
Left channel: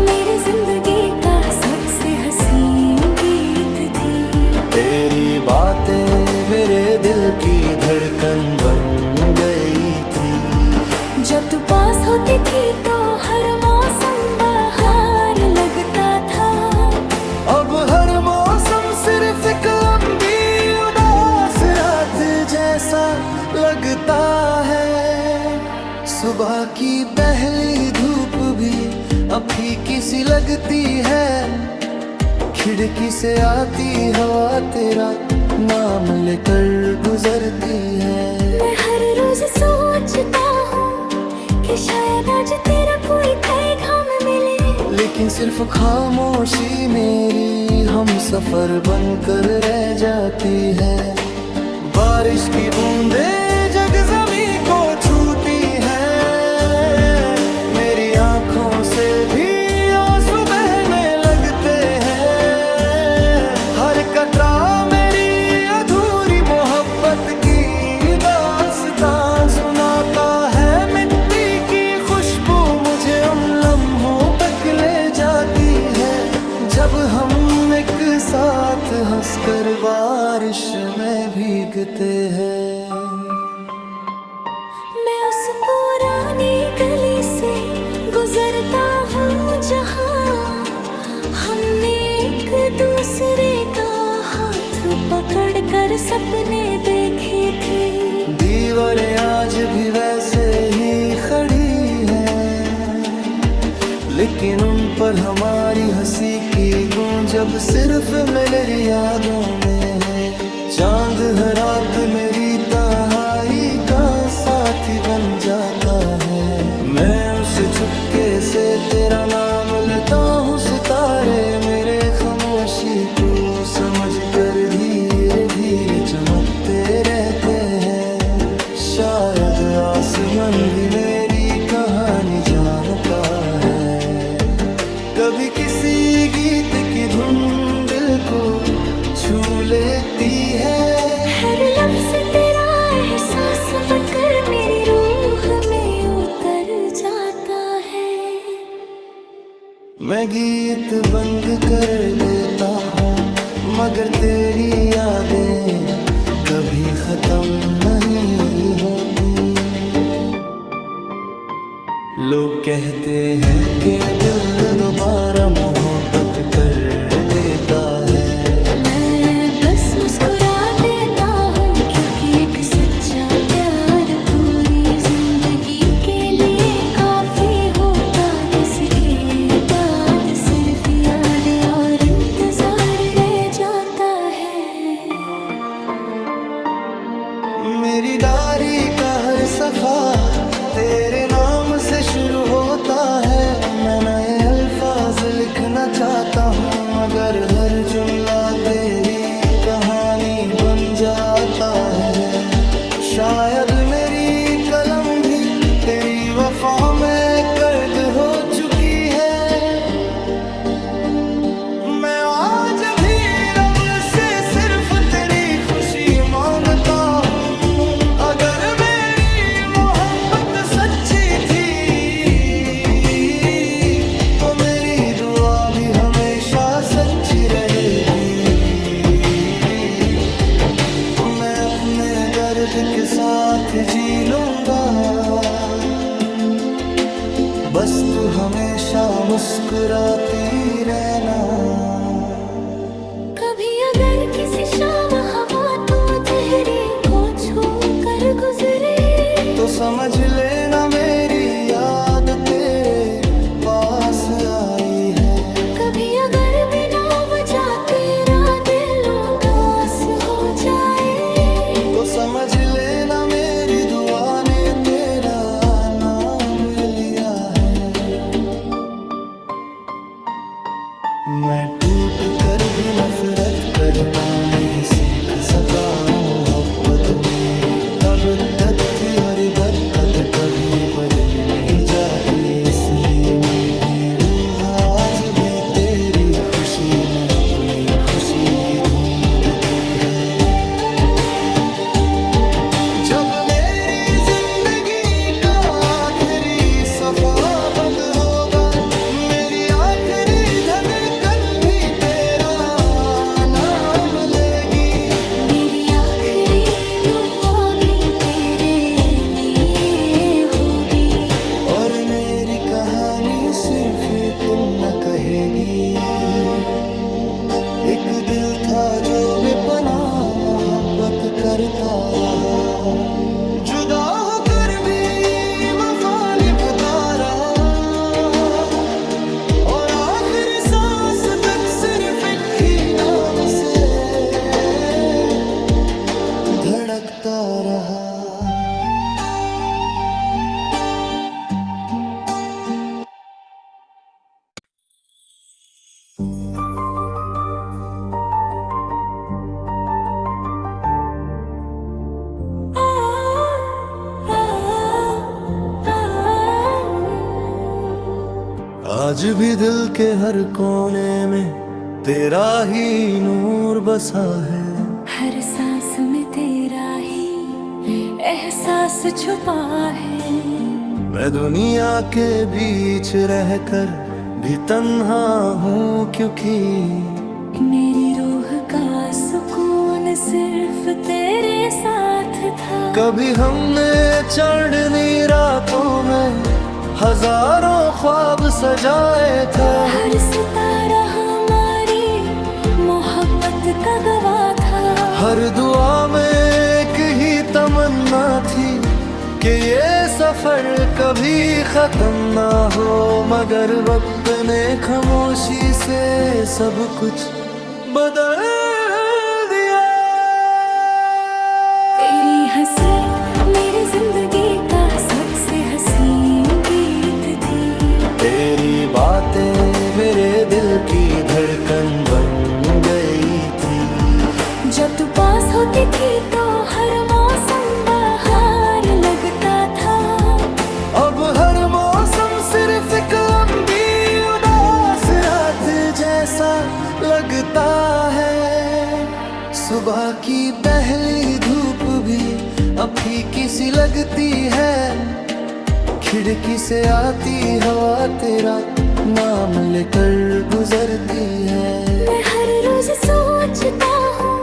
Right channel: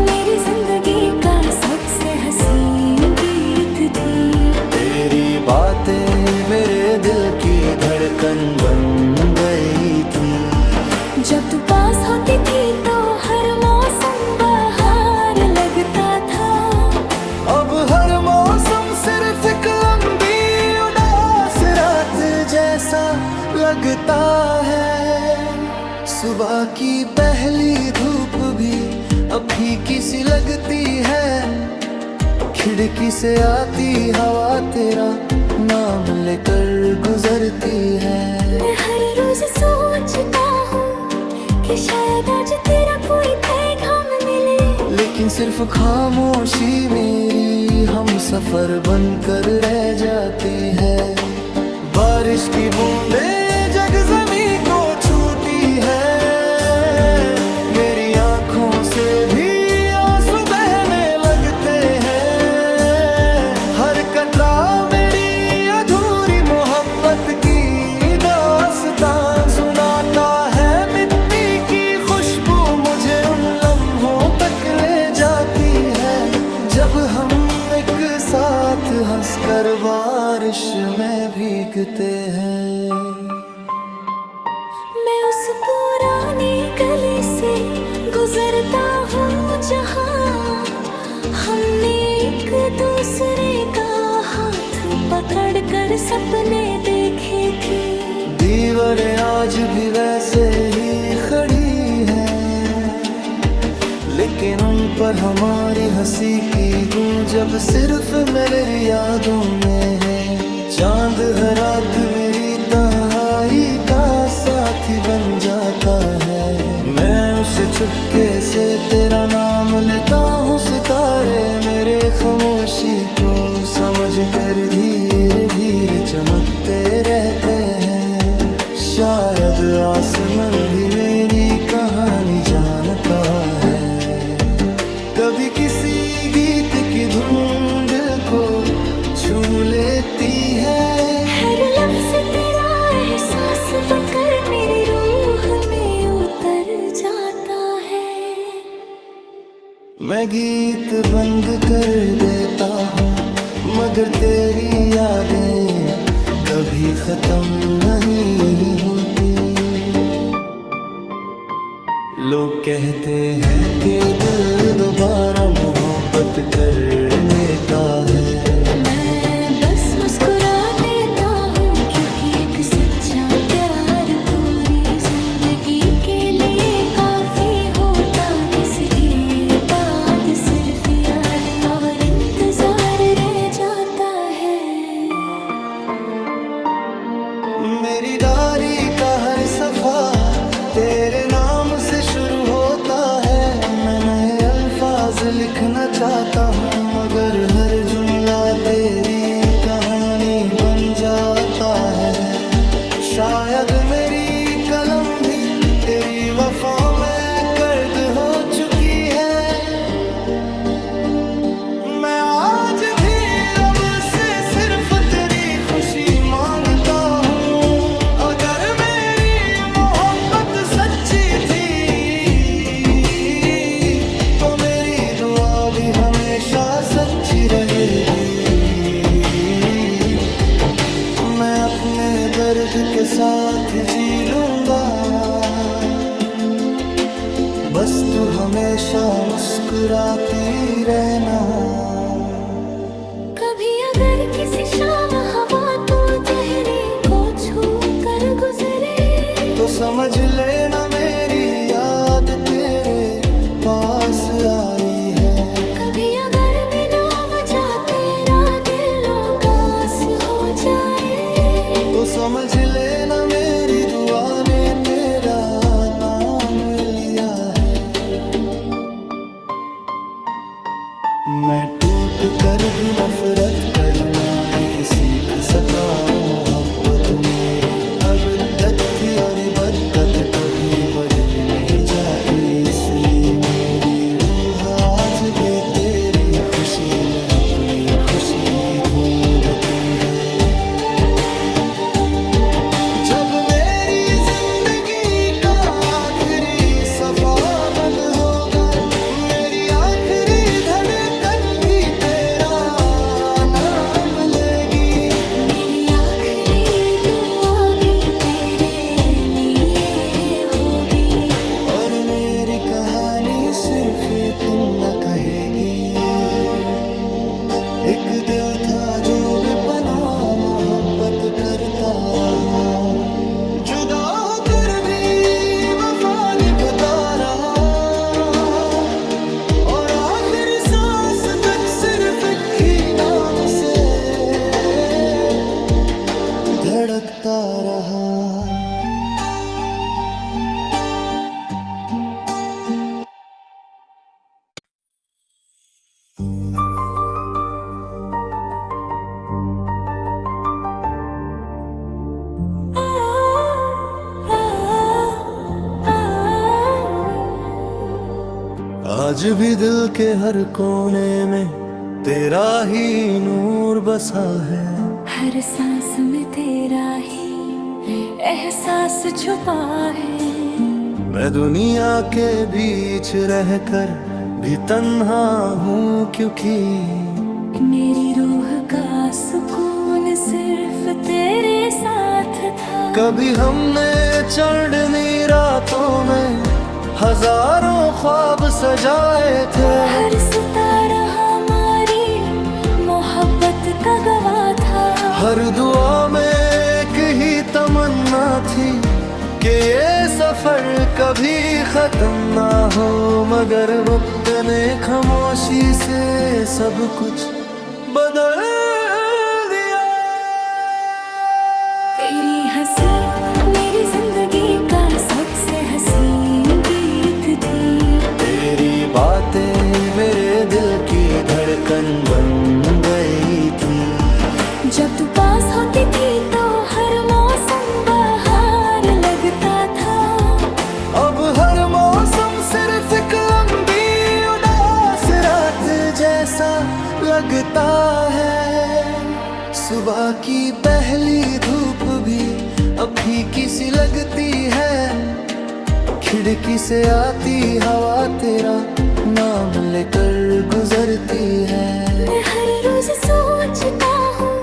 मेरी जिंदगी का सबसे हसीन गीत थी। तेरी बातें मेरे दिल की धड़कन बन गई थी। जब तू पास होती थी तो हर मौसम बहार लगता था। अब हर मौसम सिर्फ एक लंबी उदास रात जैसा लगता है। सुबह की पहली धूप भी अब फीकी सी लगती है। खिड़की से आती हवा तेरा नाम लेकर गुजरती है। मैं हर रोज सोचता हूँ कि शायद आज तेरा कोई पैगाम मिले, लेकिन सिर्फ खामोशी मेरी हम सफर बनकर रह जाती है। बारिश की बूंदें जग ज़मीं को छूटी है। मेरी आंखों से भी आंसू बहने लगते हैं। हर कतरा मेरी अधूरी मोहब्बत की दास्तां सुनाता है। मिट्टी की खुशबू मुझे उन लम्हों तक ले जाती है जब हम एक साथ हंसकर बारिश में भीगते हैं। मैं उस पुरानी गली से गुजरता हूँ जहाँ हमने एक दूसरे का हाथ पकड़ कर सपने देखे थे। दीवारें आज भी वैसे ही खड़ी हैं, लेकिन उन पर हमारी हंसी की गूंज अब सिर्फ मेरी यादों में है। चांद हर रात मेरी तन्हाई का साथी बन जाता है। मैं उसे चुपके से तेरा नाम लेता हूँ। सितारे मेरे खामोशी को समझ कर धीरे धीरे चमकते रहते हैं। शायद आसमान भी मेरी कहानी जानता है। कभी किसी गीत की धुन दिल को छू लेती है। हर लफ्ज़ तेरा एहसास बनकर मेरी रूह में उतर जाता है। मैं गीत बंद कर देता हूँ, मगर तेरी यादें कभी खत्म नहीं होती। लोग कहते हैं कि दिल दोबारा मोहब्बत कर लेता है। मैं बस मुस्कुरा देता हूँ, क्योंकि एक सच्चा प्यार पूरी जिंदगी के लिए काफी होता। जिसके बाद सिर्फ यादें और इंतजार रह जाता है। मेरी डायरी का हर सफा तेरे नाम से शुरू होता है। मैं नए अल्फाज लिखना चाहता हूँ, मगर हर जुमला तेरी कहानी बन जाता है। शायद मेरी कलम भी तेरी वफा में कैद हो चुकी है। मैं आज भी रब से सिर्फ तेरी खुशी मांगता हूँ। अगर मेरी मोहब्बत सच्ची थी तो मेरी दुआ भी हमेशा सच्ची रहेगी। मैं अपने दर्द के साथ जी लूंगा, बस तू हमेशा मुस्कुराती रहना। कभी अगर किसी शाम हवा तो चेहरे को छू कर गुजरे, तो समझ लेना मेरी याद तेरे पास आई है। कभी अगर बिना वजह तेरा दिल उदास हो जाए, तो समझ लेना मेरी दुआ ने तेरा नाम लिया है। मैं टूट कर भी नफरत करना नहीं सीख सका। मोहब्बत मेरी अबदत थी और बदकद कभी बदली नहीं जाती। इसलिए मेरी रूह आज भी तेरी खुशी में अपनी खुशी ढूंढती है। जब मेरी जिंदगी का आखिरी सफा बंद होगा, मेरी आखिरी धड़कन भी तेरा नाम लेगी। मेरी आखिरी दुआ भी तेरे लिए होगी। और मेरी कहानी सिर्फ इतना कहेगी। एक दिल था जो बेपनाह मोहब्बत करता रहा, जुदा होकर भी वफा निभाता रहा। और आखिरी सांस तक सिर्फ एक ही नाम से धड़कता रहा। आज भी दिल के हर कोने में तेरा ही नूर बसा है। हर सांस में तेरा ही एहसास छुपा है। मैं दुनिया के बीच रहकर भी तन्हा हूँ, क्योंकि मेरी रूह का सुकून सिर्फ तेरे साथ था। कभी हमने चढ़नी रातों में हजारों ख्वाब सजाए थे। हर सितारा हमारी मोहब्बत का गवाह था। हर दुआ में एक ही तमन्ना थी कि ये सफर कभी खत्म ना हो, मगर वक्त ने खामोशी से सब कुछ बदल दिया। तेरी हंसी मेरी जिंदगी का सबसे हसीन गीत थी। तेरी बातें मेरे दिल की धड़कन बन गई थी। जब तू पास होती थी तो हर मौसम बहार लगता था। अब हर मौसम सिर्फ एक लंबी उदास रात जैसा लगता है। सुबह की पहली धूप भी अब फीकी सी लगती है। खिड़की से आती हवा तेरा नाम लेकर गुजरती है। मैं हर रोज सोचता हूँ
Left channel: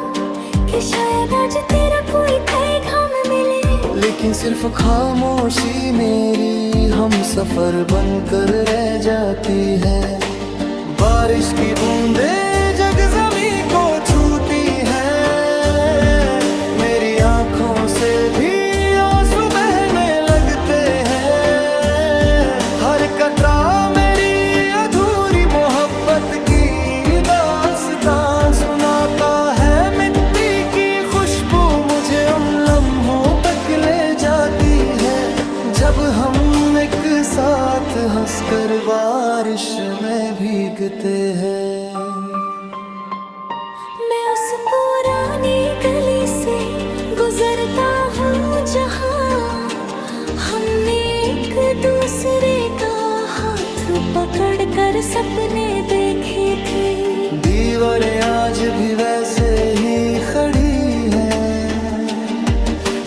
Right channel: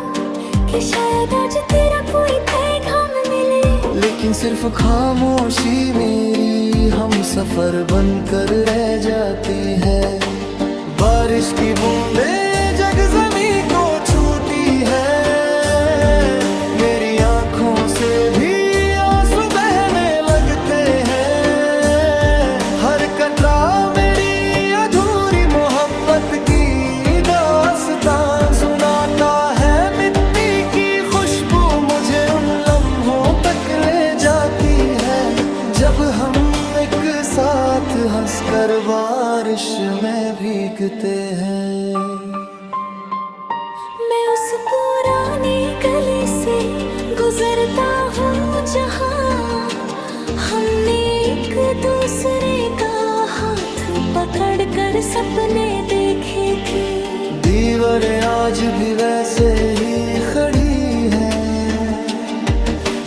कि शायद आज तेरा कोई पैगाम मिले, लेकिन सिर्फ खामोशी मेरी हम सफर बनकर रह जाती है। बारिश की बूंदें जग जमी को छूटी है। मेरी आंखों से भी आंसू बहने लगते हैं। हर कतरा मेरी अधूरी मोहब्बत की दास्तां सुनाता है। मिट्टी की खुशबू मुझे उन लम्हों तक ले जाती है जब हम एक साथ हंसकर बारिश में भीगते हैं। मैं उस पुरानी गली से गुजरता हूँ जहाँ हमने एक दूसरे का हाथ पकड़कर सपने देखे थे। दीवारें आज भी वैसे ही खड़ी हैं,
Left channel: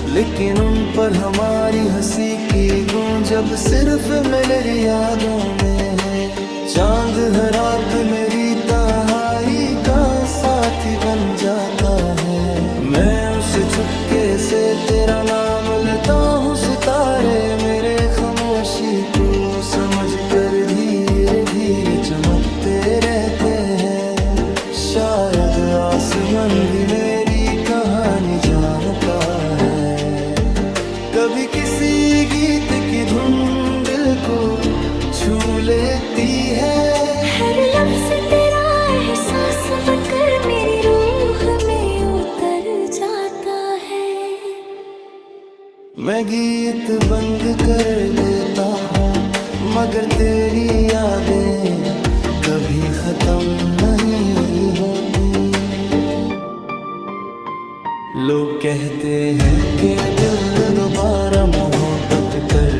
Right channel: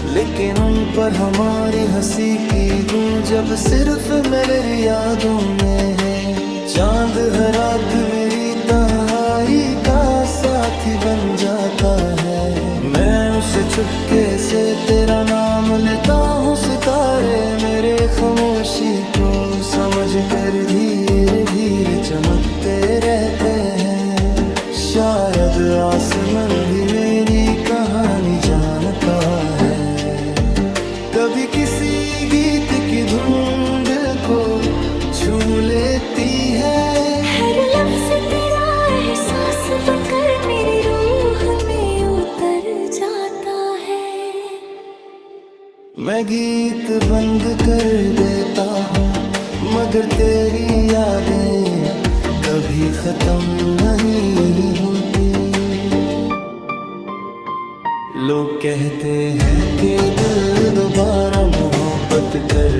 लेकिन उन पर हमारी हंसी की गूंज अब सिर्फ मेरी यादों में है। चांद हर रात मेरी तन्हाई का साथी बन जाता है। मैं उसे चुपके से तेरा नाम लेता हूँ। सितारे मेरे खामोशी को समझ कर धीरे धीरे चमकते रहते हैं। शायद आसमान भी मेरी कहानी जानता है। कभी किसी गीत की धुन दिल को छू लेती है। हर लफ्ज तेरा एहसास बनकर मेरी रूह में उतर जाता है। मैं गीत बंद कर देता हूँ, मगर तेरी यादें कभी खत्म नहीं होती। लोग कहते हैं कि दिल दोबारा मोहब्बत कर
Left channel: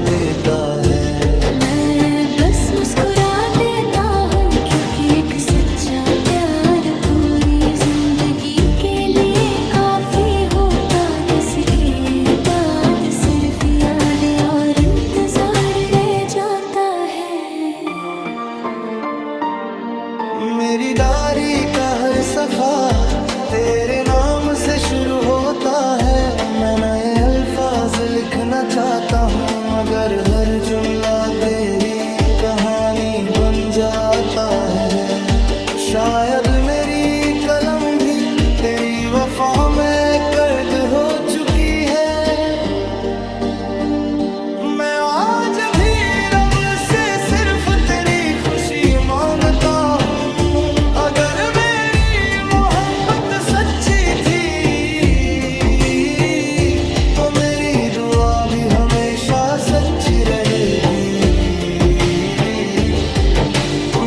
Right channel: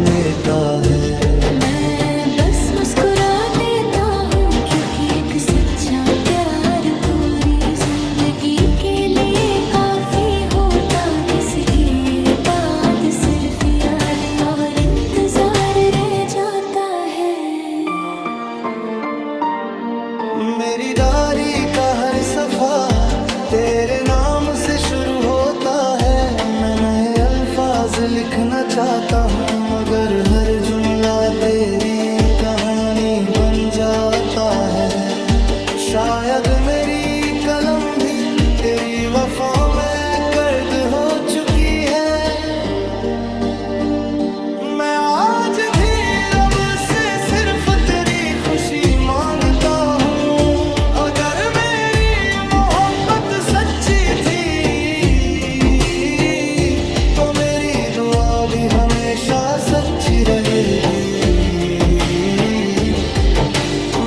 लेता है। मैं बस मुस्कुरा देता हूँ, क्योंकि एक सच्चा प्यार पूरी जिंदगी के लिए काफी होता। जिसके बाद सिर्फ यादें और इंतजार रह जाता है। मेरी डायरी का हर सफा तेरे नाम से शुरू होता है। मैं नए अल्फाज लिखना चाहता हूँ, मगर हर जुमला तेरी कहानी बन जाता है। शायद मेरी कलम भी तेरी वफा में कैद हो चुकी है। मैं आज भी रब से सिर्फ तेरी खुशी मांगता हूँ। अगर मेरी मोहब्बत सच्ची थी तो मेरी दुआ भी हमेशा सच्ची रहेगी।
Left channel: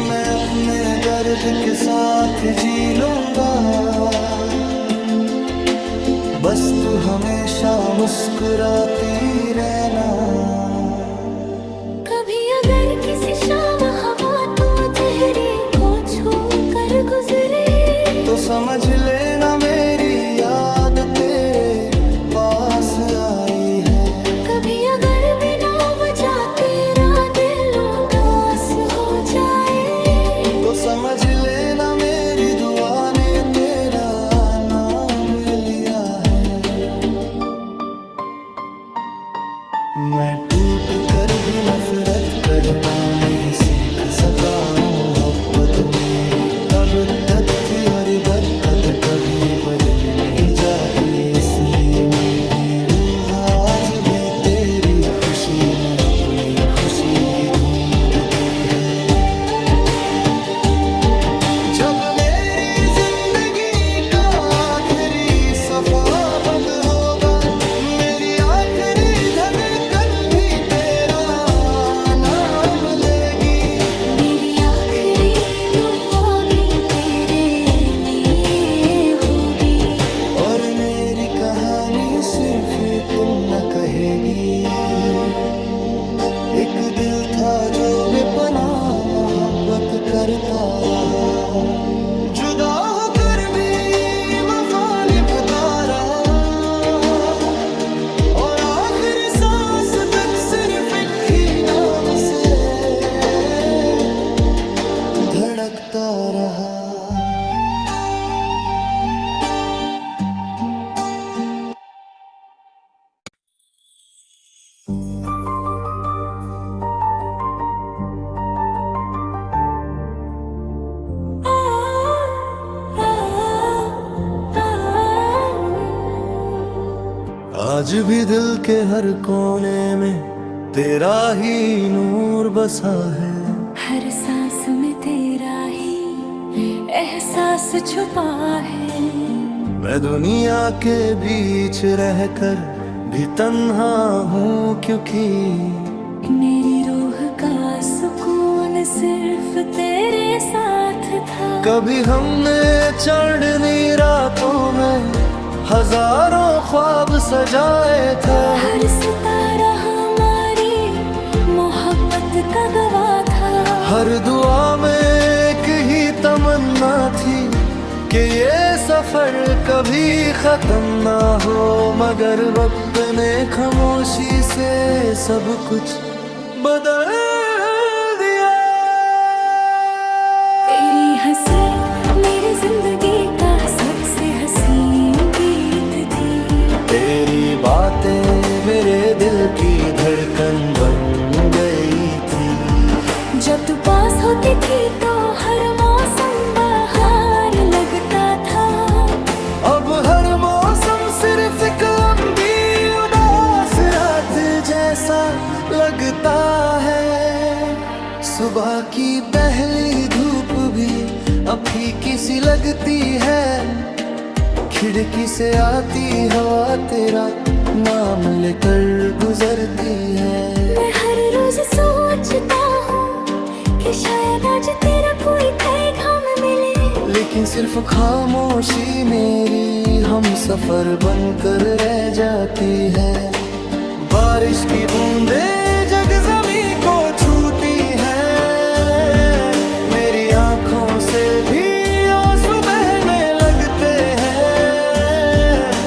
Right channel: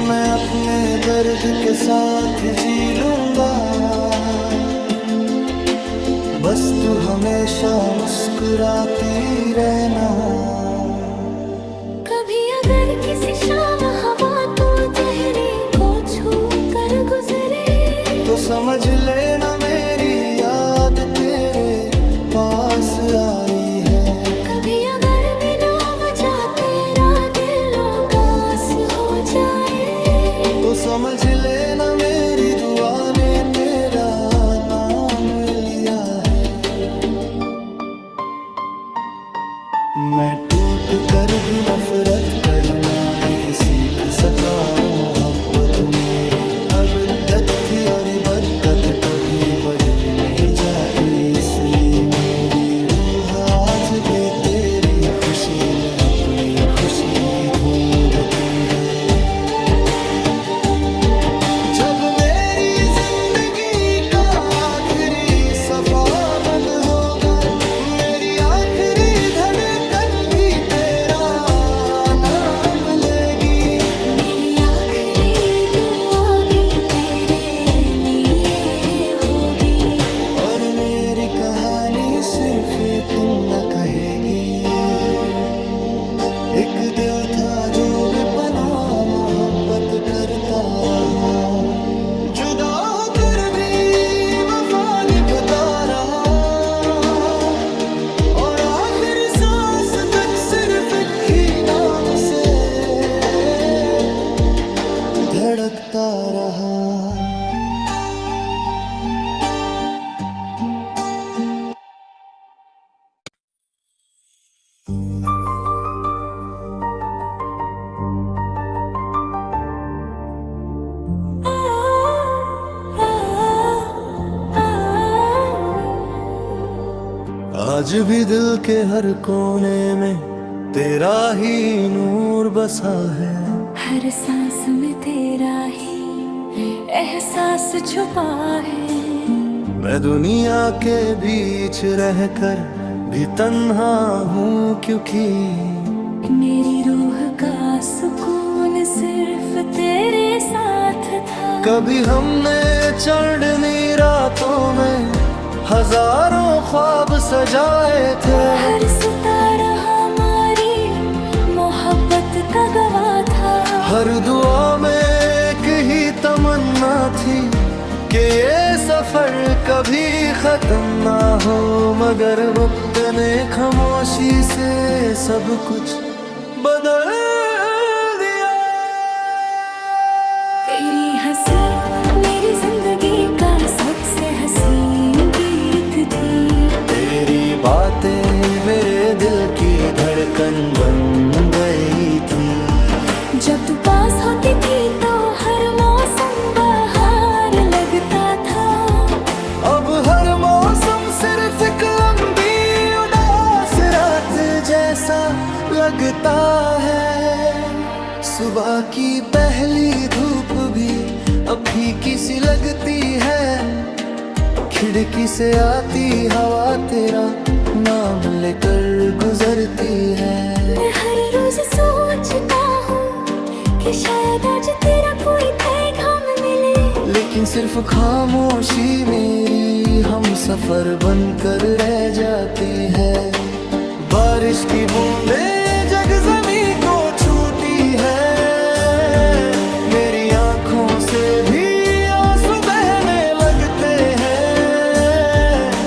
मैं अपने दर्द के साथ जी लूंगा, बस तू हमेशा मुस्कुराती रहना। कभी अगर किसी शाम हवा तो चेहरे को छू कर गुजरे, तो समझ लेना मेरी याद तेरे पास आई है। कभी अगर बिना वजह तेरा दिल उदास हो जाए, तो समझ लेना मेरी दुआ ने तेरा नाम लिया है। मैं टूट मिट कर भी नफरत करना नहीं सीख सका। मोहब्बत मेरी अब तक थी और बदकद कभी बदली नहीं जाती, इसलिए मेरी रूह आज भी तेरी खुशी में अपनी खुशी ढूंढती है। जब मेरी जिंदगी का आखिरी सफा बंद होगा, मेरी आखिरी धड़कन भी तेरा नाम लेगी। मेरी आखिरी दुआ भी तेरे लिए होगी। और मेरी कहानी सिर्फ इतना कहेगी, एक दिल था जो बेपनाह मोहब्बत करता रहा, जुदा होकर भी वफा निभाता रहा, और आखिरी सांस तक सिर्फ एक ही नाम से धड़कता रहा। आज भी दिल के हर कोने में तेरा ही नूर बसा है, हर सांस में तेरा ही एहसास छुपा है। मैं दुनिया के बीच रहकर भी तन्हा हूँ, क्योंकि मेरी रूह का सुकून सिर्फ तेरे साथ था। कभी हमने चढ़नी रातों में हजारों ख्वाब सजाए थे, हर सितारा हमारी मोहब्बत का गवाह था। हर दुआ में एक ही तमन्ना थी कि ये सफर कभी खत्म ना हो, मगर वक्त ने खामोशी से सब कुछ बदल दिया। तेरी हंसी मेरी जिंदगी का सबसे हसीन गीत थी। तेरी बातें मेरे दिल की धड़कन बन गई थी। जब तू पास होती थी तो हर मौसम बहार लगता था। अब हर मौसम सिर्फ एक लंबी उदास रात जैसा लगता है। सुबह की पहली धूप भी अब फीकी सी लगती है, खिड़की से आती हवा तेरा नाम लेकर गुजरती है। मैं हर रोज सोचता हूँ कि शायद आज तेरा कोई पैगाम मिले, लेकिन सिर्फ खामोशी मेरी हम सफर बनकर रह जाती है। बारिश की बूंदें जग ज़मीं को छूटी है, मेरी आंखों से भी आंसू बहने लगते हैं।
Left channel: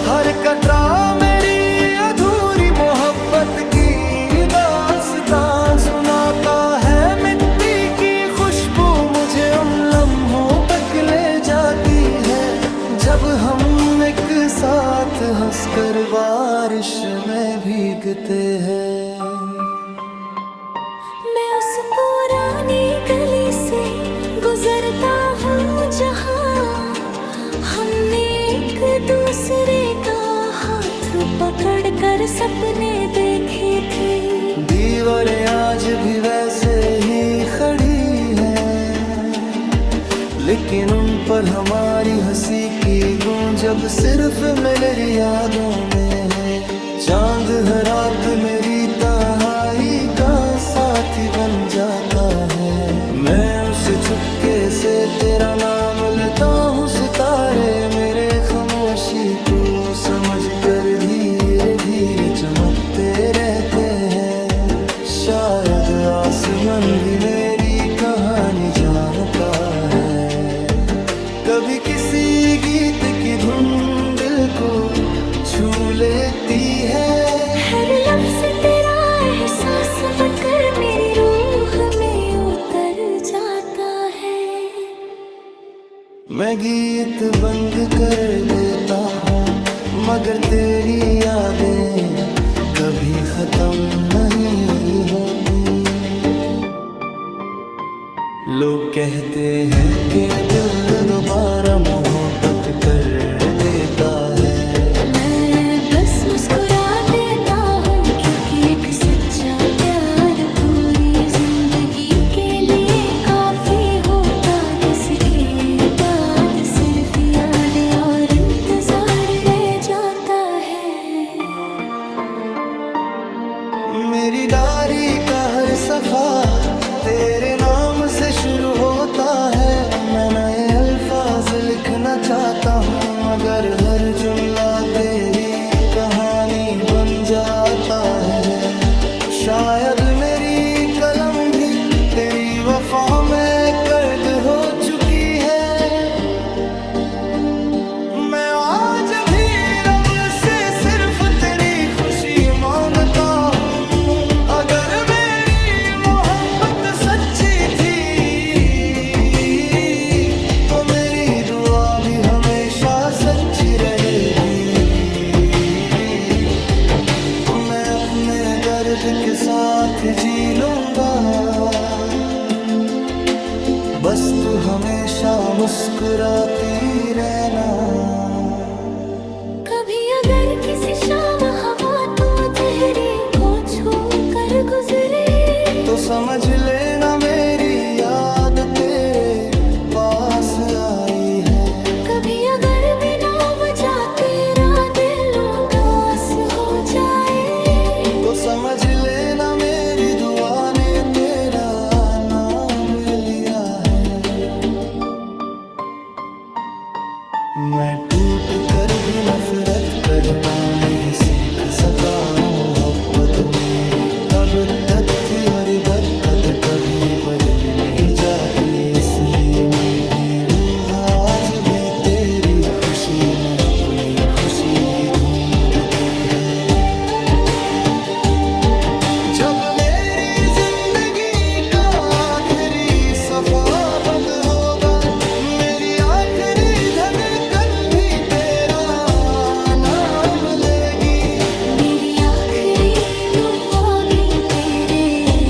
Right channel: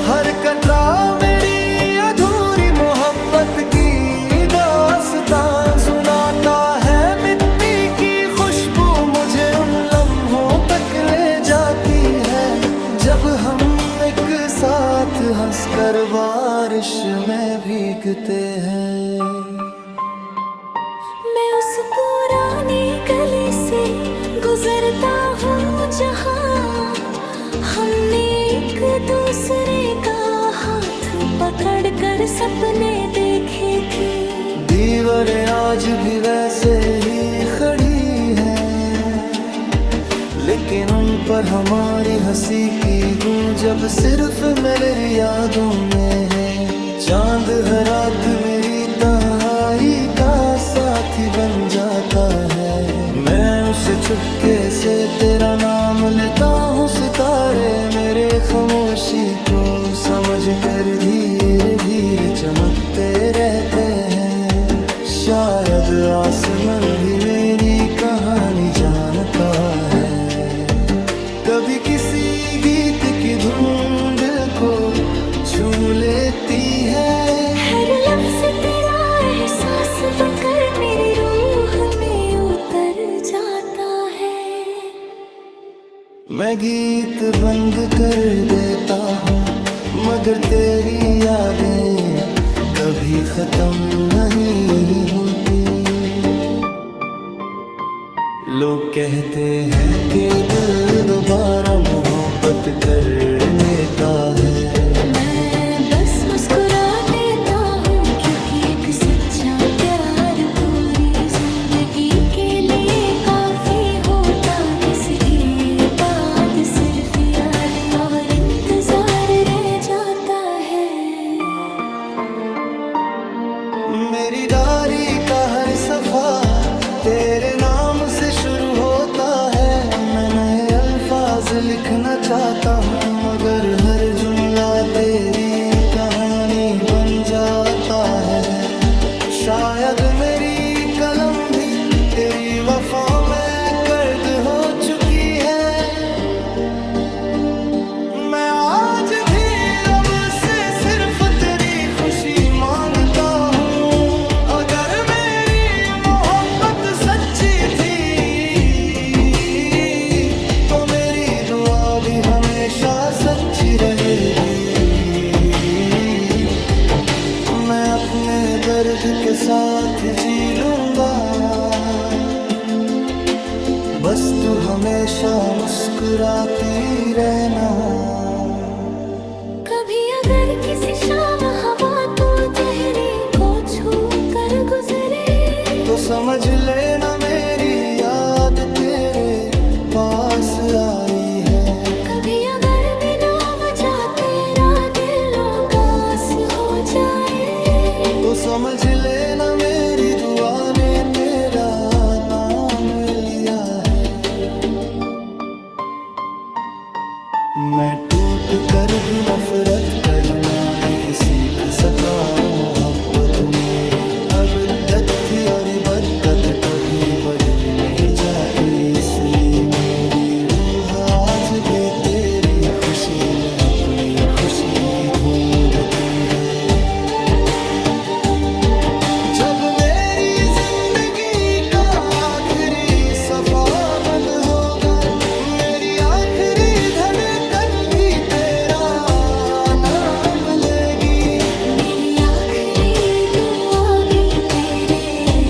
हर कतरा मेरी अधूरी मोहब्बत की दास्तां सुनाता है। मिट्टी की खुशबू मुझे उन लम्हों तक ले जाती है, जब हम एक साथ हंसकर बारिश में भीगते हैं। मैं उस पुरानी गली से गुजरता हूँ जहाँ हमने एक दूसरे का हाथ पकड़कर सपने देखे थे। दीवारें आज भी वैसे ही खड़ी हैं, लेकिन उन पर हमारी हंसी की गूंज अब सिर्फ मेरी यादों में है। चांद हर रात मेरी तन्हाई का साथी बन जाता है, मैं उसे चुपके से तेरा नाम लेता हूँ। सितारे मेरे खामोशी को समझ कर धीरे धीरे चमकते रहते हैं। शायद आसमान भी मेरी कहानी जानता है। कभी किसी गीत की धुन दिल को छू लेती है, हर लफ्ज़ तेरा एहसास बनकर मेरी रूह में उतर जाता है। मैं गीत बंद कर देता हूँ, मगर तेरी यादें कभी खत्म नहीं होती। लोग कहते हैं कि दिल दोबारा मोहब्बत कर लेता है। मैं बस मुस्कुरा देता हूँ, क्योंकि एक सच्चा प्यार पूरी जिंदगी के लिए काफी होता, जिसके बाद सिर्फ यादें और इंतजार रह जाता है। मेरी डायरी का हर सफा तेरे नाम से शुरू होता है। मैं नए अल्फाज लिखना चाहता हूँ, मगर हर जुमला तेरी कहानी बन जाता है। शायद मेरी कलम भी तेरी वफा में कैद हो चुकी है। मैं आज भी रब से सिर्फ तेरी खुशी मांगता हूँ। अगर मेरी मोहब्बत सच्ची थी तो मेरी दुआ भी हमेशा सच्ची रहेगी। मैं अपने दर्द के साथ जी लूंगा, बस तू हमेशा मुस्कुराती रहना। कभी अगर किसी शाम हवा तो चेहरे को छू कर गुजरे, तो समझ लेना मेरी याद तेरे पास आई है। कभी अगर बिना वजह तेरा दिल उदास हो जाए, तो समझ लेना मेरी दुआ ने तेरा नाम लिया है। मैं टूट कर भी नफरत करना नहीं सीख सका। मोहब्बत मेरी अब तक थी और बदकद कभी बदली नहीं जाती, इसलिए मेरी रूह आज भी तेरी खुशी में अपनी खुशी ढूंढती है। जब मेरी जिंदगी का आखिरी सफा बंद होगा, मेरी आखिरी धड़कन भी तेरा नाम लेगी। मेरी आखिरी दुआ भी तेरे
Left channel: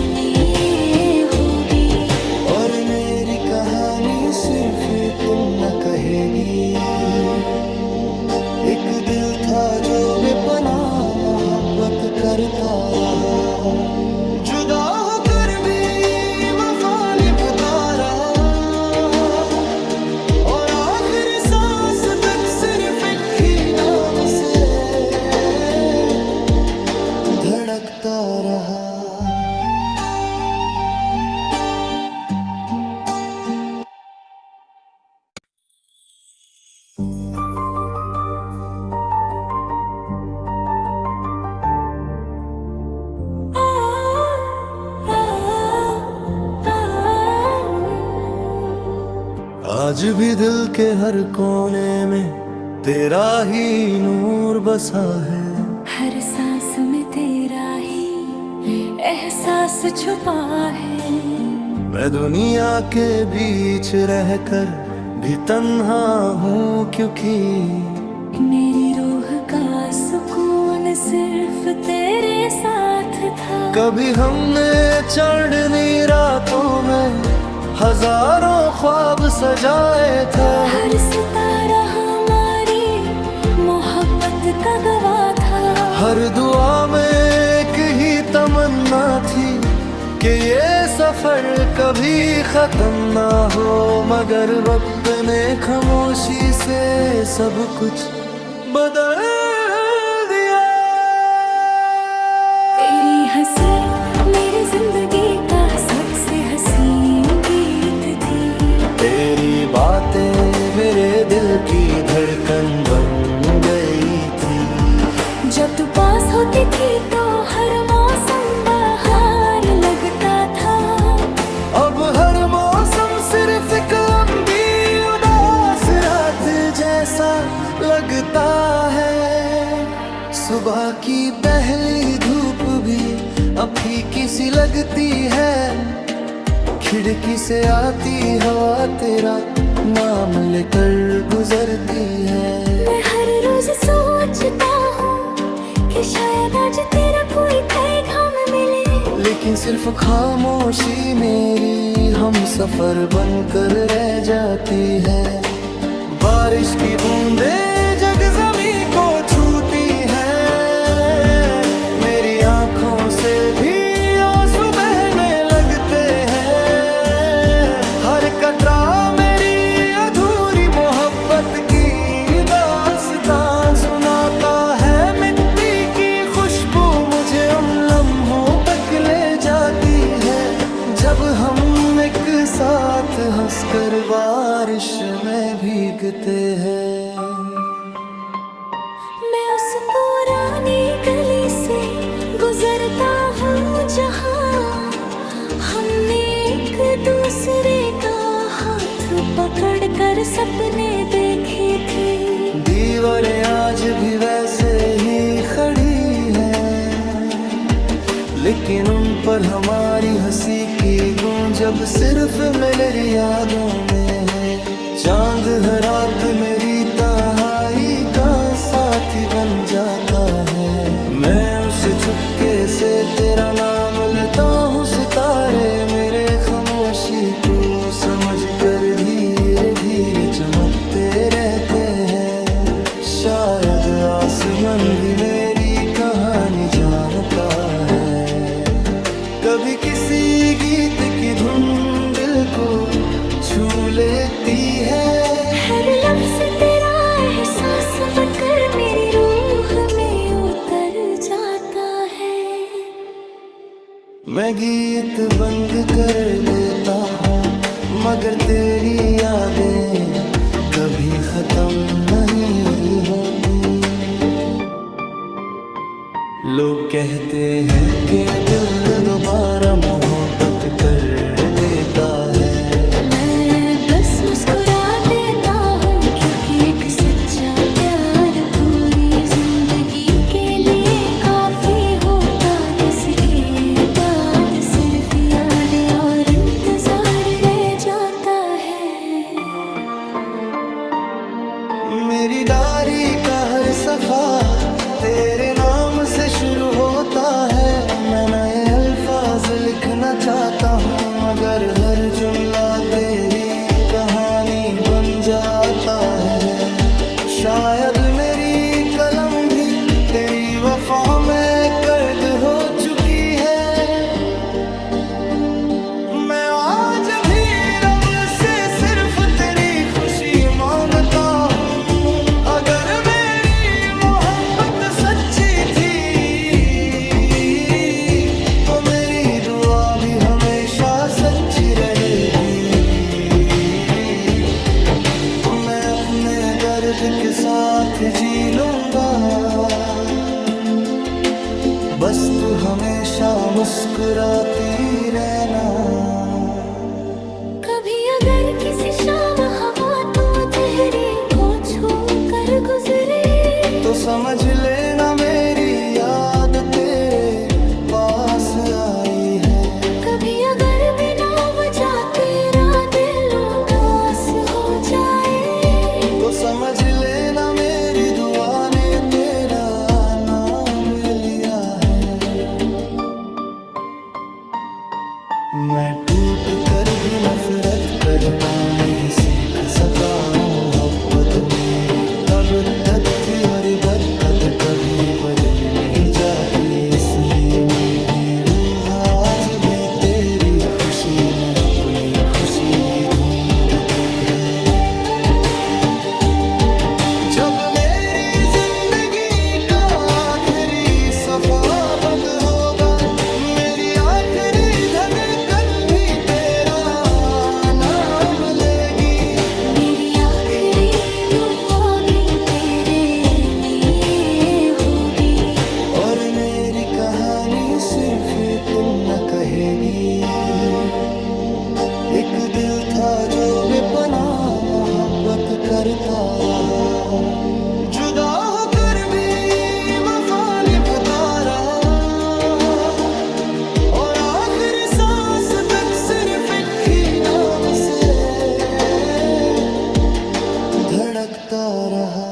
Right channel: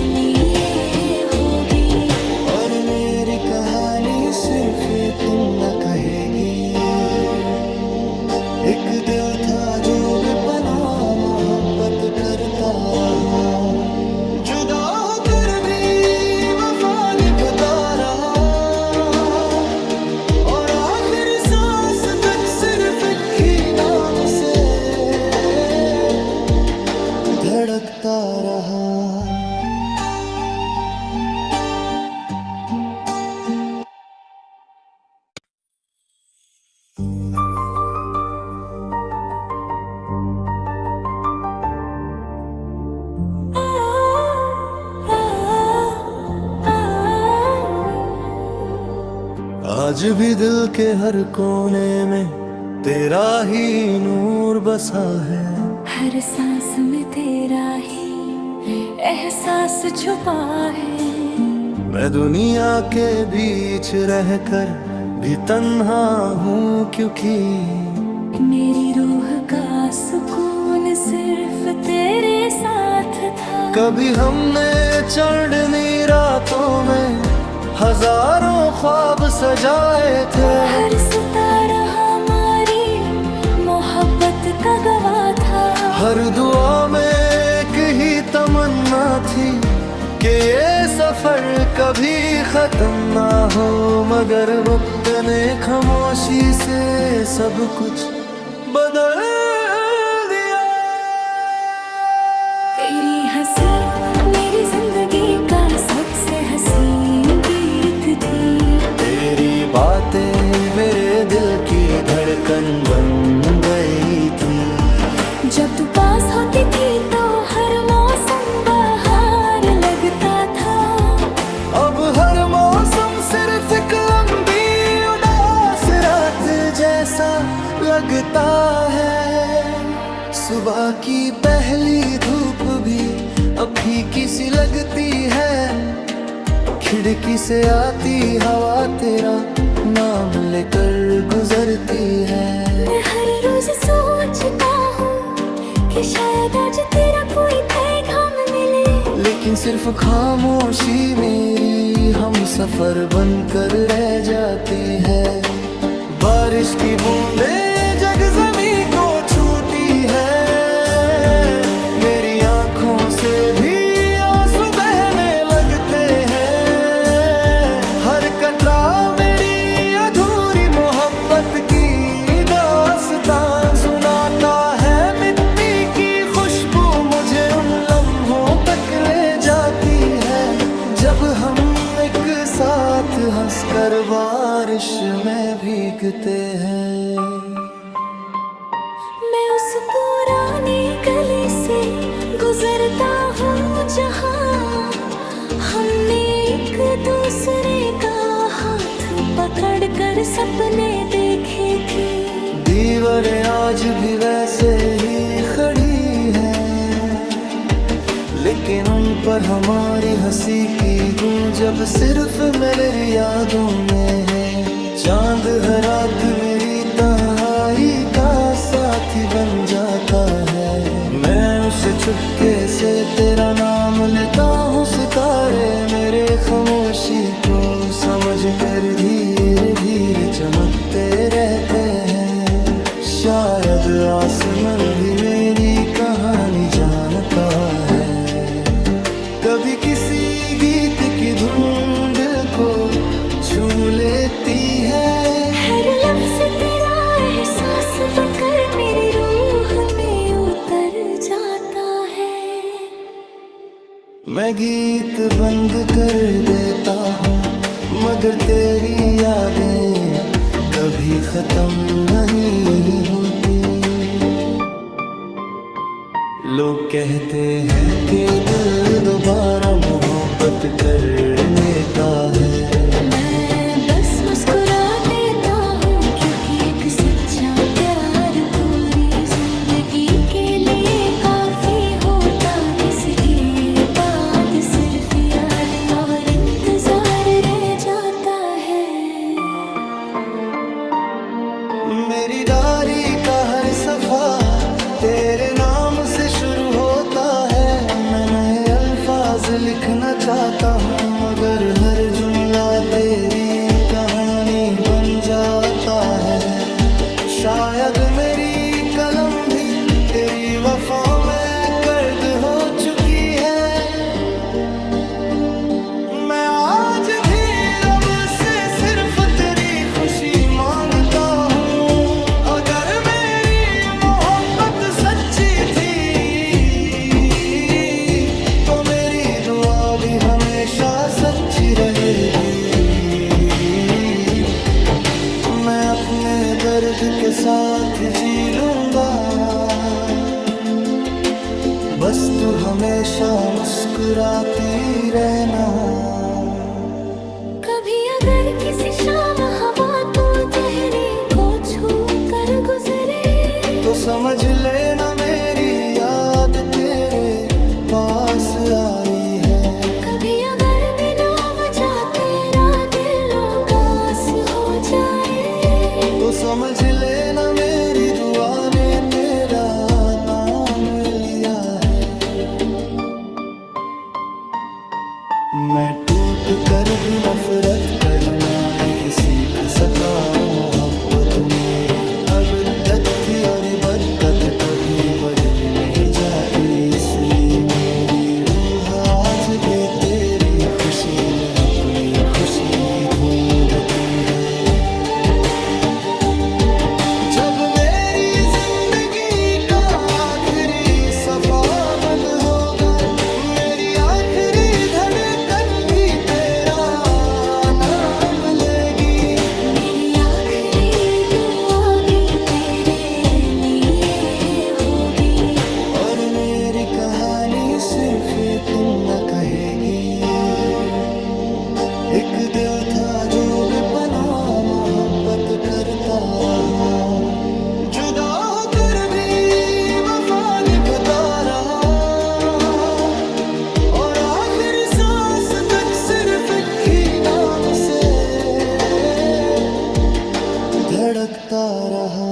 लिए होगी। और मेरी कहानी सिर्फ इतना कहेगी, एक दिल था जो बेपनाह मोहब्बत करता रहा, जुदा होकर भी वफा निभाता रहा, और आखिरी सांस तक सिर्फ एक ही नाम से धड़कता रहा। आज भी दिल के हर कोने में तेरा ही नूर बसा है। हर सांस में तेरा ही एहसास छुपा है। मैं दुनिया के बीच रहकर भी तन्हा हूँ, क्योंकि मेरी रूह का सुकून सिर्फ तेरे साथ था। कभी हमने चढ़नी रातों में हजारों ख्वाब सजाए थे। हर सितारा हमारी मोहब्बत का गवाह था। हर दुआ में एक ही तमन्ना थी कि ये सफर कभी खत्म ना हो, मगर वक्त ने खामोशी से सब कुछ बदल दिया। तेरी हंसी मेरी जिंदगी का सबसे हसीन गीत थी। तेरी बातें मेरे दिल की धड़कन बन गई थी। जब तू पास होती थी तो हर मौसम बहार लगता था। अब हर मौसम सिर्फ एक लंबी उदास रात जैसा लगता है। सुबह की पहली धूप भी अब फीकी सी लगती है। खिड़की से आती हवा तेरा नाम लेकर गुजरती है। मैं हर रोज सोचता हूँ कि शायद आज तेरा कोई पैगाम मिले, लेकिन सिर्फ खामोशी मेरी हम सफर बनकर रह जाती है। बारिश की बूंदे जग जमीन को छूटी है, मेरी आंखों से भी आंसू बहने लगते हैं। हर कतरा मेरी अधूरी मोहब्बत की दास्तां सुनाता है। मिट्टी की खुशबू मुझे उन लम्हों तक ले जाती है, जब हम एक साथ हंसकर बारिश में भीगते हैं। मैं उस पुरानी गली से गुजरता हूँ जहाँ हमने एक दूसरे का हाथ पकड़कर सपने देखे थे। दीवारें आज भी वैसे ही खड़ी हैं, लेकिन उन पर हमारी हंसी की गूंज अब सिर्फ मेरी यादों में है। चांद हर रात मेरी तन्हाई का साथी बन जाता है, मैं उसे चुपके से तेरा नाम लेता हूँ। सितारे मेरे खामोशी को समझ कर धीरे धीरे चमकते रहते हैं। शायद आसमान भी मेरी कहानी जानता है। कभी किसी गीत की धुन दिल को छू लेती है। हर लफ्ज तेरा एहसास बनकर मेरी रूह में उतर जाता है। मैं गीत बंद कर देता हूँ, मगर तेरी यादें कभी खत्म नहीं होती। लोग कहते हैं कि दिल दोबारा मोहब्बत कर लेता है। मैं बस मुस्कुरा देता हूँ, क्योंकि एक सच्चा प्यार पूरी जिंदगी के लिए काफी होता, जिसके बाद सिर्फ यादें और इंतजार रह जाता है। मेरी डायरी का हर सफा तेरे नाम से शुरू होता है। मैं नए अल्फाज लिखना चाहता हूँ, मगर हर जुमला तेरी कहानी बन जाता है। शायद मेरी कलम भी तेरी वफा में कैद हो चुकी है। मैं आज भी रब से सिर्फ तेरी खुशी मांगता हूँ। अगर मेरी मोहब्बत सच्ची थी तो मेरी दुआ भी हमेशा सच्ची रहेगी। मैं अपने दर्द के साथ जी लूंगा, बस तू हमेशा मुस्कुराती रहना। कभी अगर किसी शाम हवा तो चेहरे को छू कर गुजरे, तो समझ लेना मेरी याद तेरे पास आई है। कभी अगर बिना वजह तेरा दिल उदास हो जाए, तो समझ लेना मेरी दुआ ने तेरा नाम लिया है। मैं टूट कर भी नफरत करना नहीं सीख सका। मोहब्बत मेरी अब तक थी और बदकद कभी बदली नहीं जाती, इसलिए मेरी रूह आज भी तेरी खुशी में अपनी खुशी ढूंढती है। जब मेरी जिंदगी का आखिरी सफा बंद होगा, मेरी आखिरी धड़कन भी तेरा नाम लेगी। मेरी आखिरी दुआ भी तेरे लिए होगी। और मेरी कहानी सिर्फ इतना कहेगी, एक दिल था जो बेपनाह मोहब्बत करता रहा, जुदा होकर भी वफा निभाता रहा, और आखिरी सांस तक सिर्फ एक ही नाम से धड़कता रहा।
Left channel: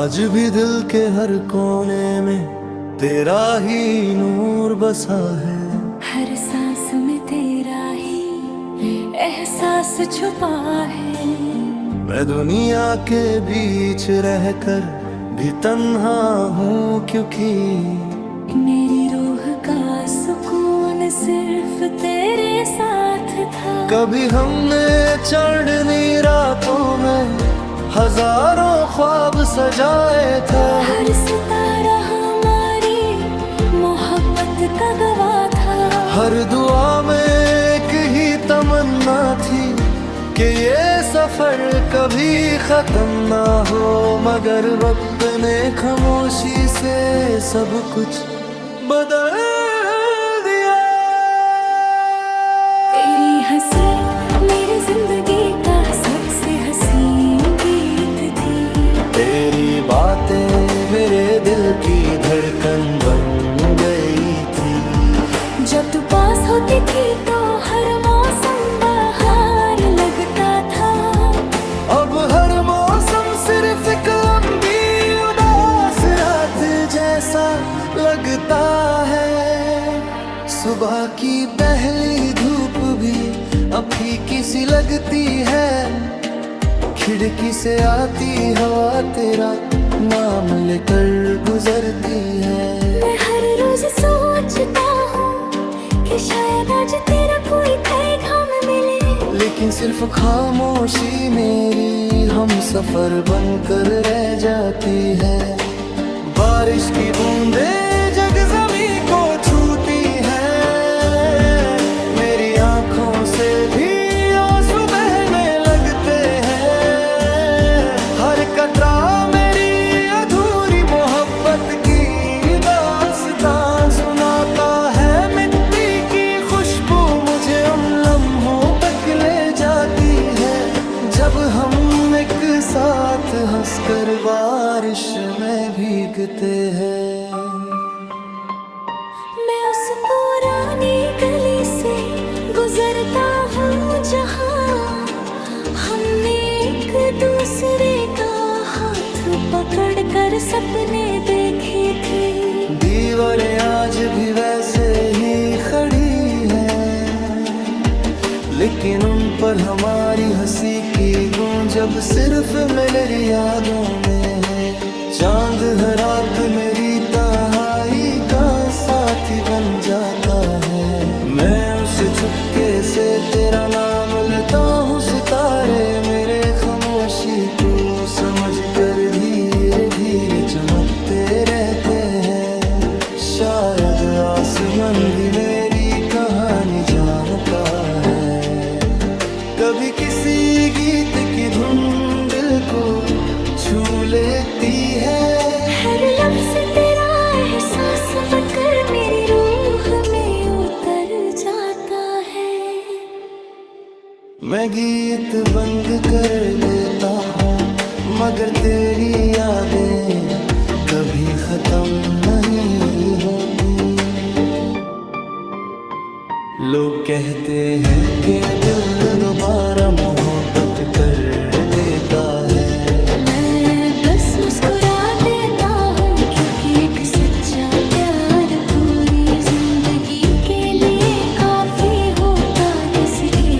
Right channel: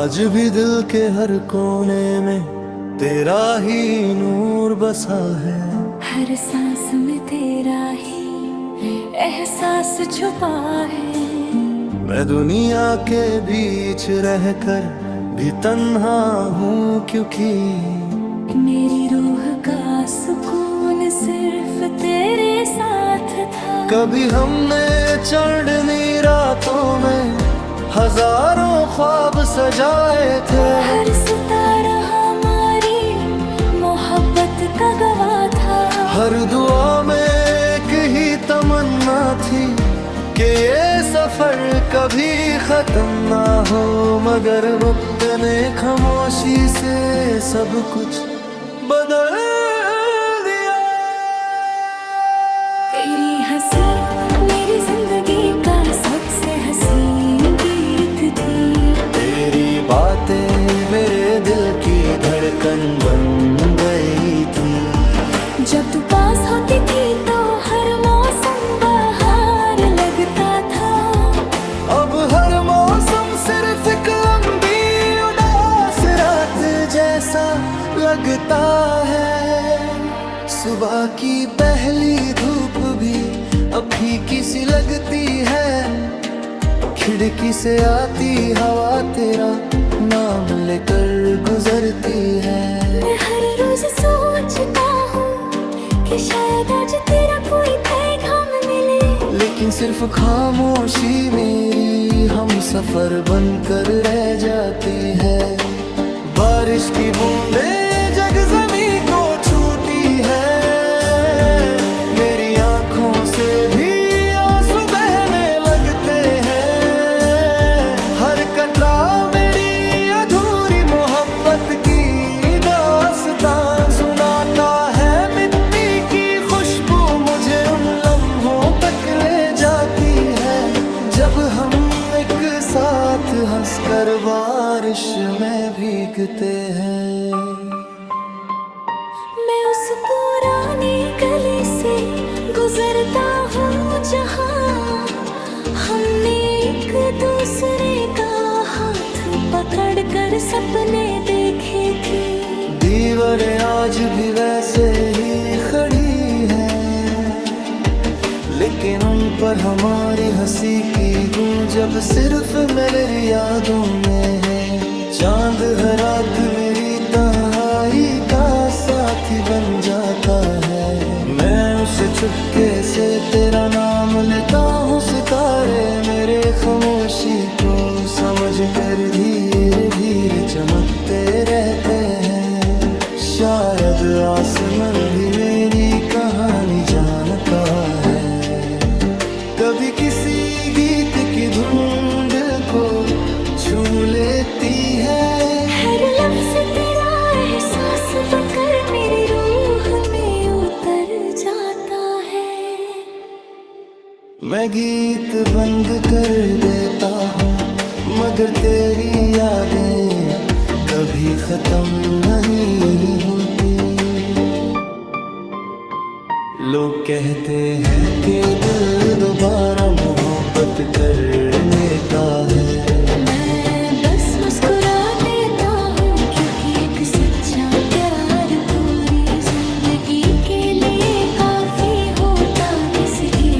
आज भी दिल के हर कोने में तेरा ही नूर बसा है। हर सांस में तेरा ही एहसास छुपा है। मैं दुनिया के बीच रहकर भी तन्हा हूँ, क्योंकि मेरी रूह का सुकून सिर्फ तेरे साथ था। कभी हमने चढ़नी रातों में हजारों ख्वाब सजाए थे। हर सितारा हमारी मोहब्बत का गवाह था। हर दुआ में एक ही तमन्ना थी कि ये सफर कभी खत्म ना हो, मगर वक्त ने खामोशी से सब कुछ बदल दिया। तेरी हंसी मेरी जिंदगी का सबसे हसीन गीत थी। तेरी बातें मेरे दिल की धड़कन बन गई थी। जब तू पास होती थी तो हर मौसम बहार लगता था। अब हर मौसम सिर्फ एक लंबी उदास रात जैसा लगता है। सुबह की पहली धूप भी अब फीकी सी लगती है। खिड़की से आती हवा तेरा नाम लेकर गुजरती है। मैं हर रोज सोचता हूँ कि शायद आज तेरा कोई पैगाम मिले, लेकिन सिर्फ खामोशी मेरी हम सफर बनकर रह जाती है। बारिश की बूंदें जग ज़मीं को छूटी है। मेरी आंखों से भी आंसू बहने लगते हैं। हर कतरा मेरी अधूरी मोहब्बत की दास्तां सुनाता है। मिट्टी की खुशबू मुझे उन लम्हों तक ले जाती है जब हम एक साथ हंसकर बारिश में भीगते हैं। मैं उस पुरानी गली से गुजरता हूँ जहाँ हमने एक दूसरे का हाथ पकड़कर सपने देखे थे। दीवारें आज भी वैसे ही खड़ी हैं, लेकिन उन पर हमारी हंसी की गूंज अब सिर्फ मेरी यादों में है। चांद हर रात मेरी तन्हाई का साथी बन जाता है। मैं उसे चुपके से तेरा नाम लेता हूँ। सितारे मेरे खामोशी को समझ कर धीरे धीरे चमकते रहते हैं। शायद आसमान भी मेरी कहानी जानता है। कभी किसी गीत की धुन दिल को छू लेती है। हर लफ्ज़ तेरा एहसास बनकर मेरी रूह में उतर जाता है। मैं गीत बंद कर देता हूँ, मगर तेरी यादें कभी खत्म नहीं होती। लोग कहते हैं कि दिल दोबारा मोहब्बत कर लेता है। मैं बस मुस्कुरा देता हूँ, क्योंकि एक सच्चा प्यार पूरी जिंदगी के लिए काफी होता। जिसके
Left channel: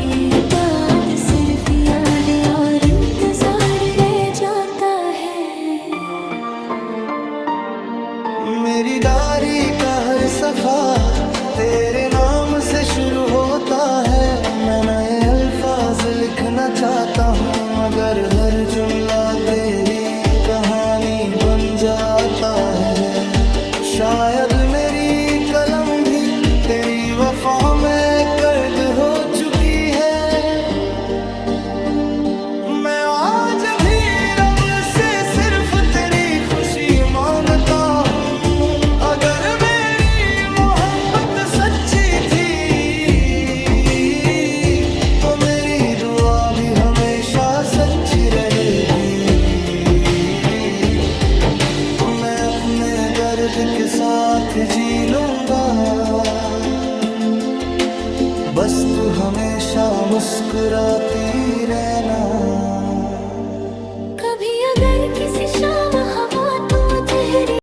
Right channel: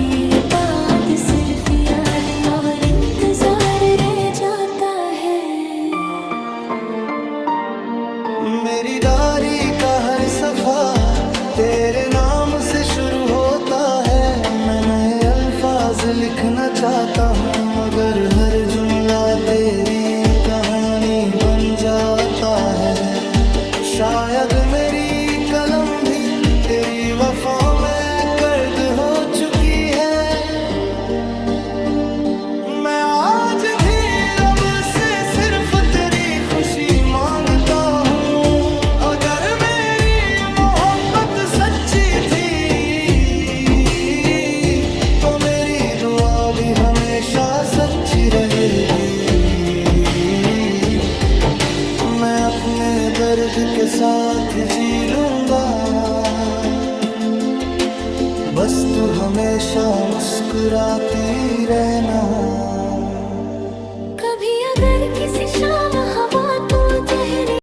बाद सिर्फ यादें और इंतजार रह जाता है। मेरी डायरी का हर सफा तेरे नाम से शुरू होता है। मैं नए अल्फाज लिखना चाहता हूँ, मगर हर जुमला तेरी कहानी बन जाता है। शायद मेरी कलम भी तेरी वफा में कैद हो चुकी है। मैं आज भी रब से सिर्फ तेरी खुशी मांगता हूँ। अगर मेरी मोहब्बत सच्ची थी तो मेरी दुआ भी हमेशा सच्ची रहेगी। मैं अपने दर्द के साथ जी लूंगा, बस तू हमेशा मुस्कुराती रहना। कभी अगर किसी शाम हवा तो